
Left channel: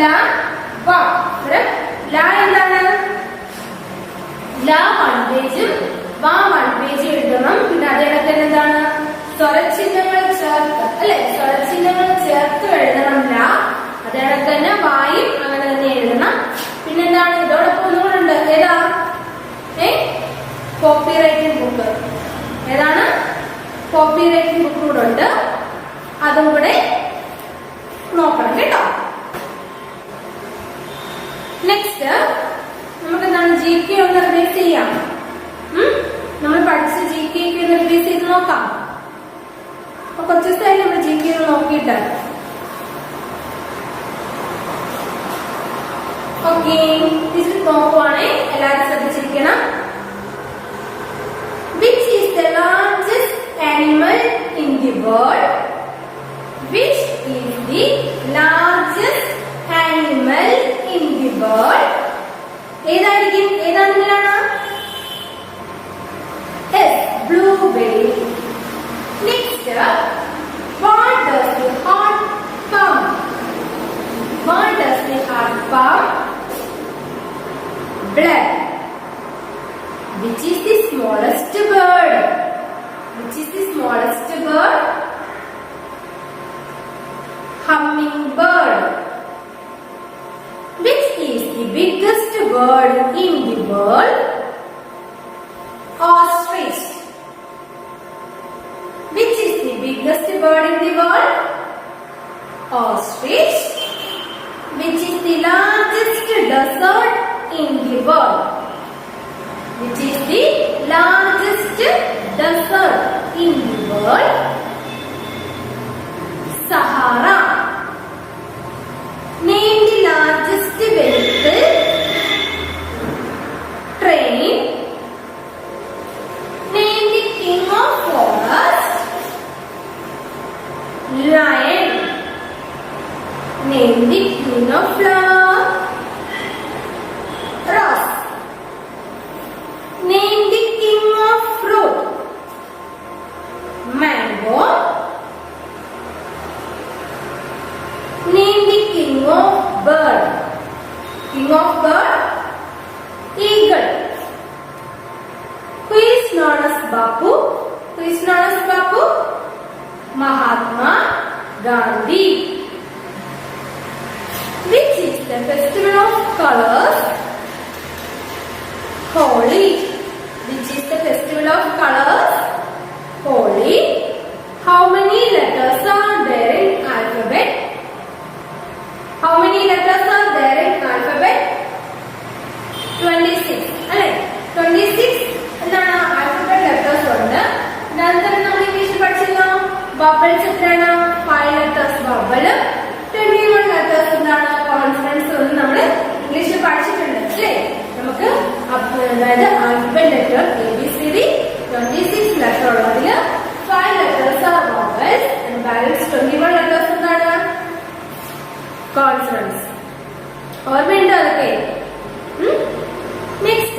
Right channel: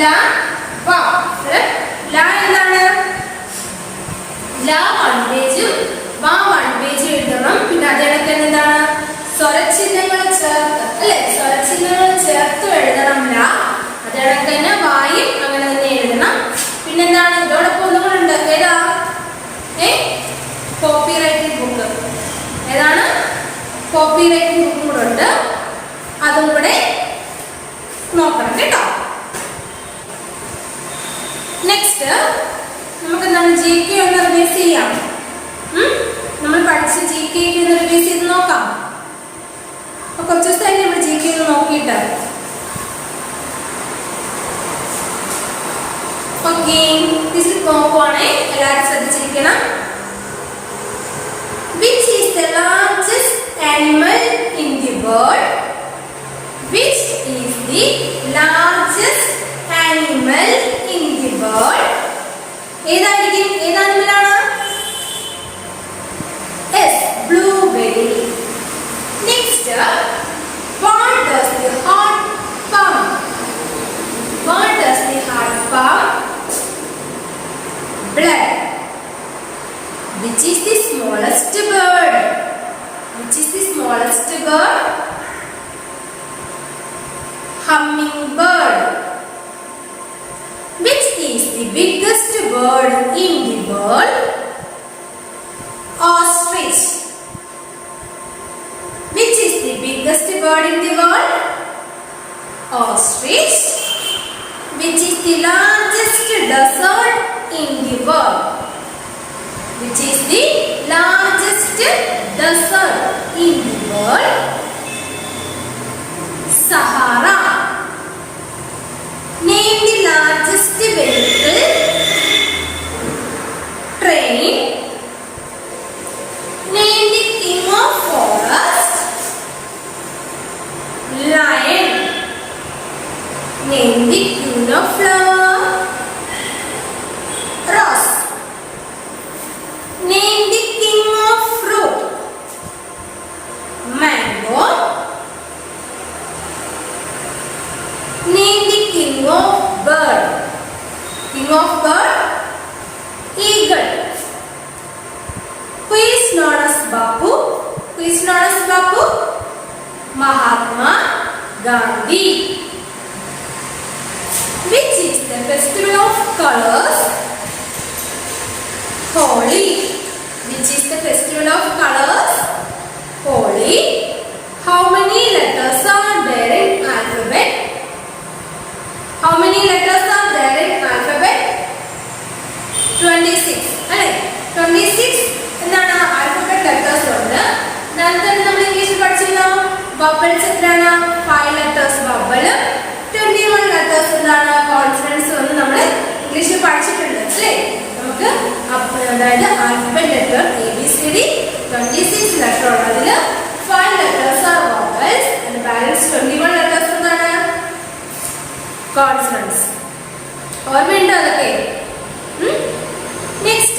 ല വ. ല എന്താണ്? ല 1 പേജും വ 1 പേജ് എഴുതണം. പിന്നെ അതേടൊക്കെ എന്താണ്? സ്വരചിഹ്നങ്ങൾ ചേർത്ത് അല്ലെ? സ്വരചിഹ്നങ്ങൾ ചേർത്ത് എഴുതണം ല. അതേടൊക്കെ തന്നെ വായും അങ്ങനെ തന്നെ എഴുതണം. പിന്നെന്താണ്? ഇതോടൊപ്പം ഒന്നും കൂടെ ഉണ്ട്. ഏതാ? Copy writing book. ഏതാണ്? കോപ്പി റൈറ്റിംഗ് ബുക്കും കൂടെ ഉണ്ട്. അതും കൂടെ നോക്കണം കേട്ടോ. നെക്സ്റ്റ് നമുക്ക് എന്താണ് GK ഒന്ന് റിവൈസ് ചെയ്യാം. നമ്മൾ പഠിച്ച GK ഒന്ന് റിവൈസ് ചെയ്ത് നോക്കാം. അപ്പൊ കുറച്ച് ദിവസമായി നമ്മൾ GK ഒന്ന് നോക്കിയിട്ട്. ഓക്കെ, ഇതിൽ നോക്കുവാണേ എല്ലാവരും ശ്രദ്ധിച്ചിരിക്കണം. Which is the largest animal in the world? Which is the largest animal in the world? ഏതായിരിക്കും? ഏത് ആനിമലാണ്? Yes, blueberry. Next, what does the heart pump? What does the heart pump? Blood. Which is the smallest bird? Which is the smallest bird? Hummingbird. Which is the biggest bird in the world? Ostrich. Which is the biggest bird in the world? Ostrich. Which is the largest desert in the world? Which is the largest desert in the world? Sahara. Name the largest vehicle. Train. Name the king of forest. Lion. Name the queen of flower. Rose. Name the king of fruit. Mango. Name the king of bird. King of bird? Eagle. Who is known as Bapu? Who is known as Bapu? Mahatma Gandhi. Which is the festival of colors? Holi. Which is the festival of colors? Holi. How many letters are there in alphabet? How many letters are there in alphabet? 26. അല്ലേ? 26 എന്നാണ് alphabet letters ഉണ്ട്. നേരത്തെ നമ്മൾ ഇംഗ്ലീഷിൽ പഠിച്ചിരുന്നോ? Vowels എത്രയാണ്? 5 letters vowel. 21 letters എന്താണ്? Consonants എന്ന് നമ്മൾ ഇംഗ്ലീഷിൽ പഠിച്ചിട്ടുണ്ട് അല്ലേ? നമുക്ക് അതായത് ആൽഫബറ്റ് ലെറ്റർ ABCD 26 ലെറ്റർ ഉള്ളതിൽ 5 letters are vowels and balance 21 letters എന്താണ്? Consonants. ഓർമ്മയുണ്ടോ അതൊക്കെ? Next,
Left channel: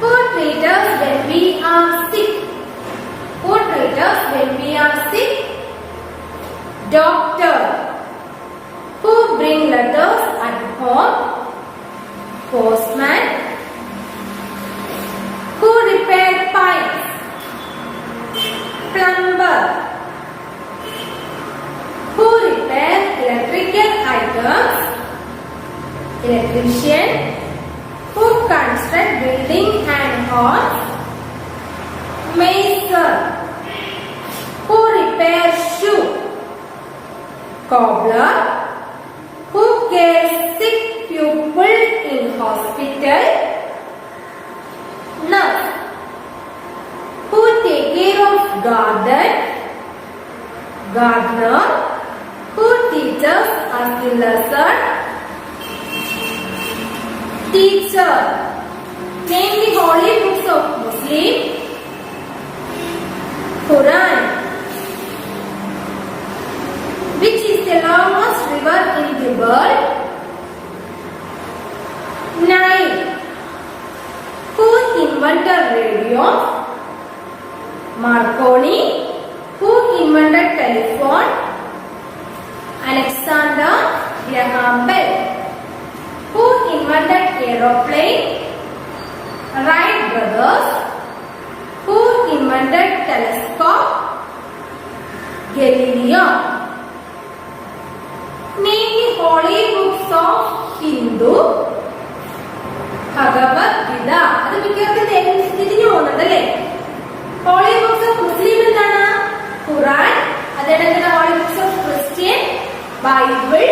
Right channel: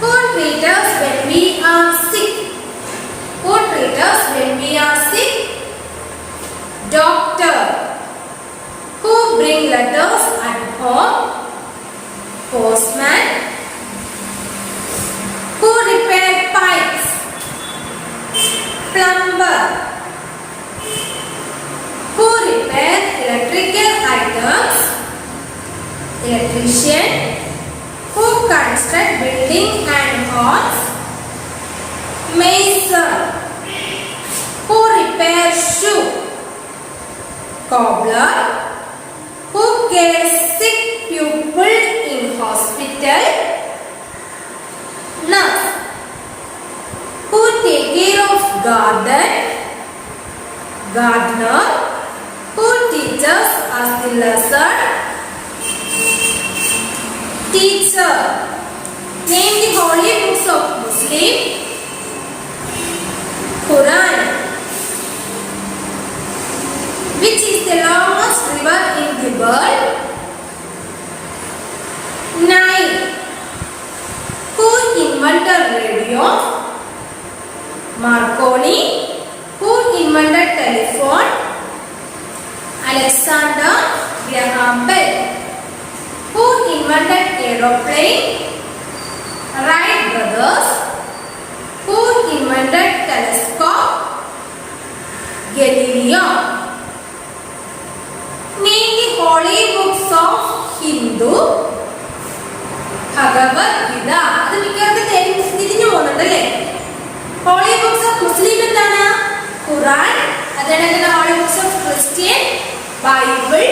who treat us when we are sick? Who treat us when we are sick? Doctor. Who bring letters at home? Postman. Who repair pipes? Plumber. Who repair electrical items? Electrician. Who construct building and halls? Mason. Who repair shoe? Cobbler. Who cares sick pupil in hospital? Nurse. Who take care of garden? Gardener. Who teaches us the lesson? Teacher. Name the holy books of Muslim. Quran. Which is the longest river in the world? Nile. Who invented radio? Marconi. Who invented telephone? Alexander Graham Bell. Who invented aeroplane? Wright brothers. Who invented telescope? Galileo. Name the holy books of Hindu. Bhagavad Gita. അത് മിക്കവാറും തിരിഞ്ഞു പോകുന്നുണ്ടല്ലേ? Holy books of Muslim എന്താണ്? Quran. അതേപോലെ holy books of Christian, Bible.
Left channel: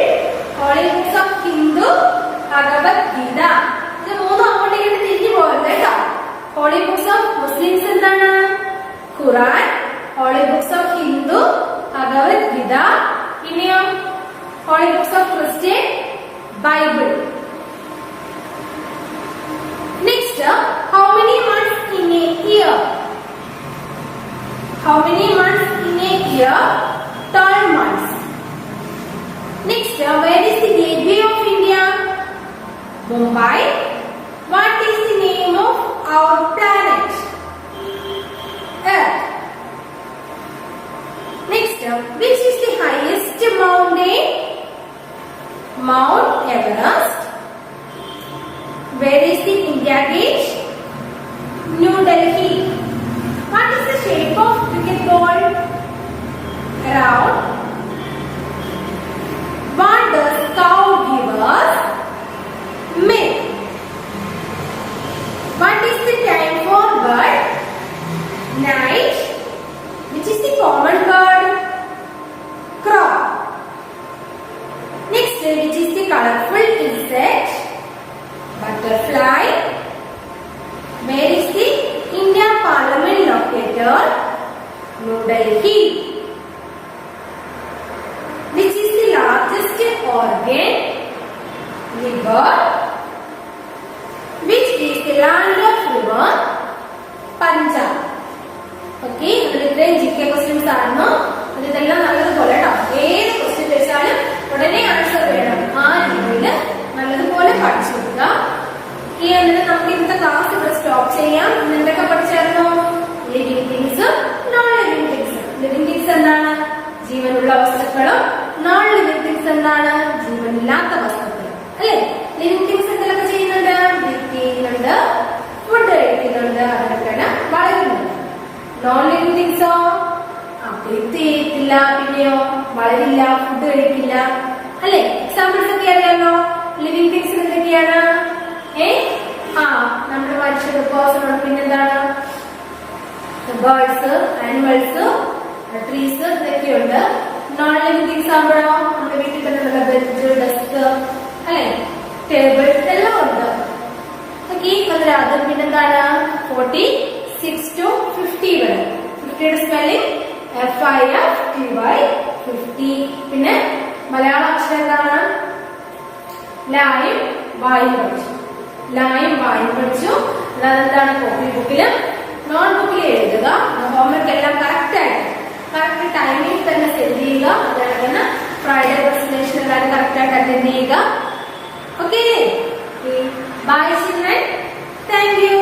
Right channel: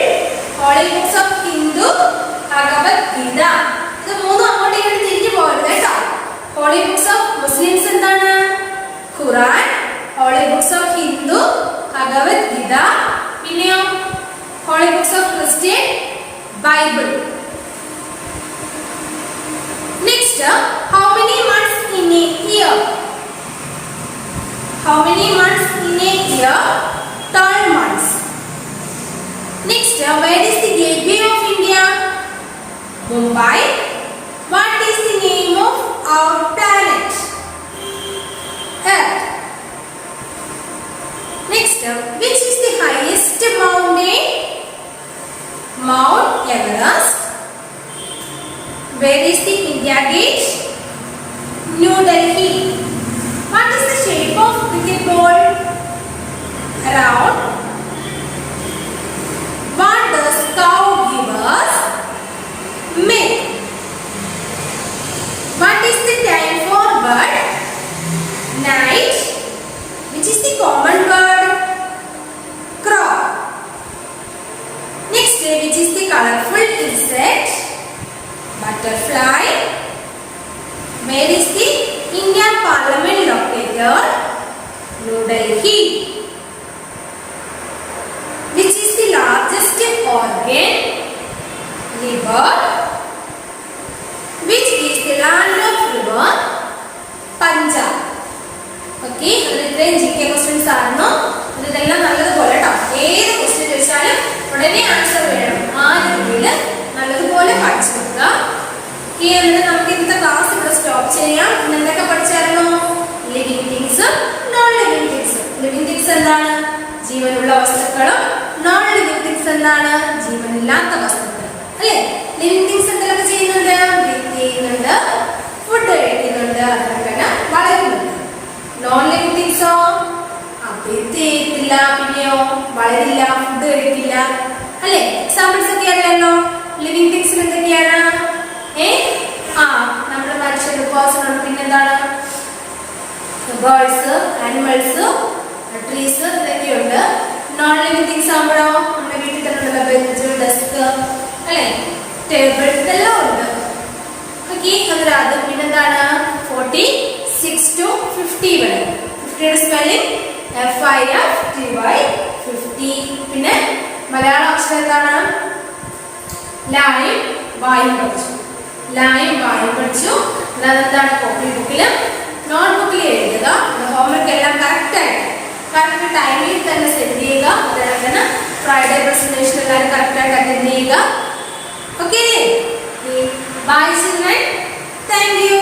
Holy books of Hindu, Bhagavad Gita. ഇത് മൂന്നും അങ്ങോട്ടേക്ക് ഹോളി ബുക്സ് ഓഫ് മുസ്ലിംസ് എന്താണ്? Quran. Holy books of Hindu Bhagavad Gita. പിന്നെയോ holy books of Christian Bible. Next, how many months in a year? How many months in a year? 12 months. Next, where is the gateway of India? Mumbai. What is the name of our planet? Earth. Next, which is the highest mountain? Mount Everest. Where is the India Gate? New Delhi. What is the shape of cricket ball? Round. What does cow give us? Milk. What is the time for bird? Night. Which is the common bird? Crow. Next, which is the colorful insect? Butterfly. Where is the Indian Parliament located? New Delhi. Which is the largest organ? Liver. Which is the land of river? Punjab. Okay, ഇത്രയും GK questions ആയിരുന്നു. ഇതെല്ലാം നല്ലതുപോലെ കേട്ടോ. ഏത് ക്വസ്റ്റ്യൻ ചോദിച്ചാലും ഉടനെ ആൻസർ വേണം. ആ രീതിയിൽ നല്ലതുപോലെ പഠിച്ചു വെക്കുക. എന്നിട്ട് നമുക്ക് ഇന്നത്തെ ക്ലാസ് ഇവിടെ സ്റ്റോപ്പ് ചെയ്യാം. ഇന്ന് എന്തൊക്കെ പഠിച്ചായിരുന്നു? ലിവിങ് തിങ്സും നോൺ ലിവിങ് തിങ്സും. ലിവിങ് തിങ്സ് എന്താണ്? ജീവനുള്ള വസ്തുക്കളും. നോൺ ലിവിങ് തിങ്സ് എന്താണ്? ജീവനില്ലാത്ത വസ്തുക്കൾ. അല്ലേ? ലിവിങ് തിങ്സ് എന്തെല്ലാം ചെയ്യുന്നുണ്ട്? ബ്രീത്ത് ചെയ്യുന്നുണ്ട്, ഫുഡ് കഴിക്കുന്നുണ്ട്, അതുപോലെ തന്നെ വളരുന്നുണ്ട്. നോൺ ലിവിങ് തിങ്സോ ബ്രീത്ത് ചെയ്യത്തില്ല, പിന്നെയോ വളരില്ല, ഫുഡ് കഴിക്കില്ല. അല്ലേ? എക്സാമ്പിൾസ് ഒക്കെ അല്ലല്ലോ. ലിവിങ് തിങ്സിൽ എന്തൊക്കെയാണ്? നമ്മുടെ മനുഷ്യർ, പേഴ്സൺ, പിന്നെന്താണ്? ബേർഡ്സ്, ആനിമൽസ്, ട്രീസ്, ഇതൊക്കെയുണ്ട്. നോൺ ലിവിങ് തിങ്സ് ആകുമ്പോഴോ നമ്മുടെ വീട്ടിൽ തന്നെ ഉള്ള ബെഞ്ച്, ഡെസ്ക്, അല്ലെ, ടേബിൾ, ഇതെല്ലാം ഉണ്ട്. ഓക്കെ, അത് പിന്നെന്താണ്? 46 to 50 വരെ. 50യുടെ സ്പെല്ലിംഗ് FIFTY 50. പിന്നെ മലയാള അക്ഷരം എന്താണ്? ലായും വായും പഠിച്ചു. ലായും വായും പഠിച്ചു. അതെന്താണ്? കോപ്പി ബുക്കിലും നോട്ട് ബുക്കിൽ എഴുതുക. ഹോംവർക്ക് എല്ലാം കറക്റ്റ് ടൈമിൽ തന്നെ സെൻഡ് ചെയ്യുക. അതുപോലെ ഫ്രൈഡേ പ്രസന്റേഷൻ എല്ലാവരും കറക്റ്റായിട്ട് അറ്റൻഡ് ചെയ്യുക. Okay, bye children. Thank U.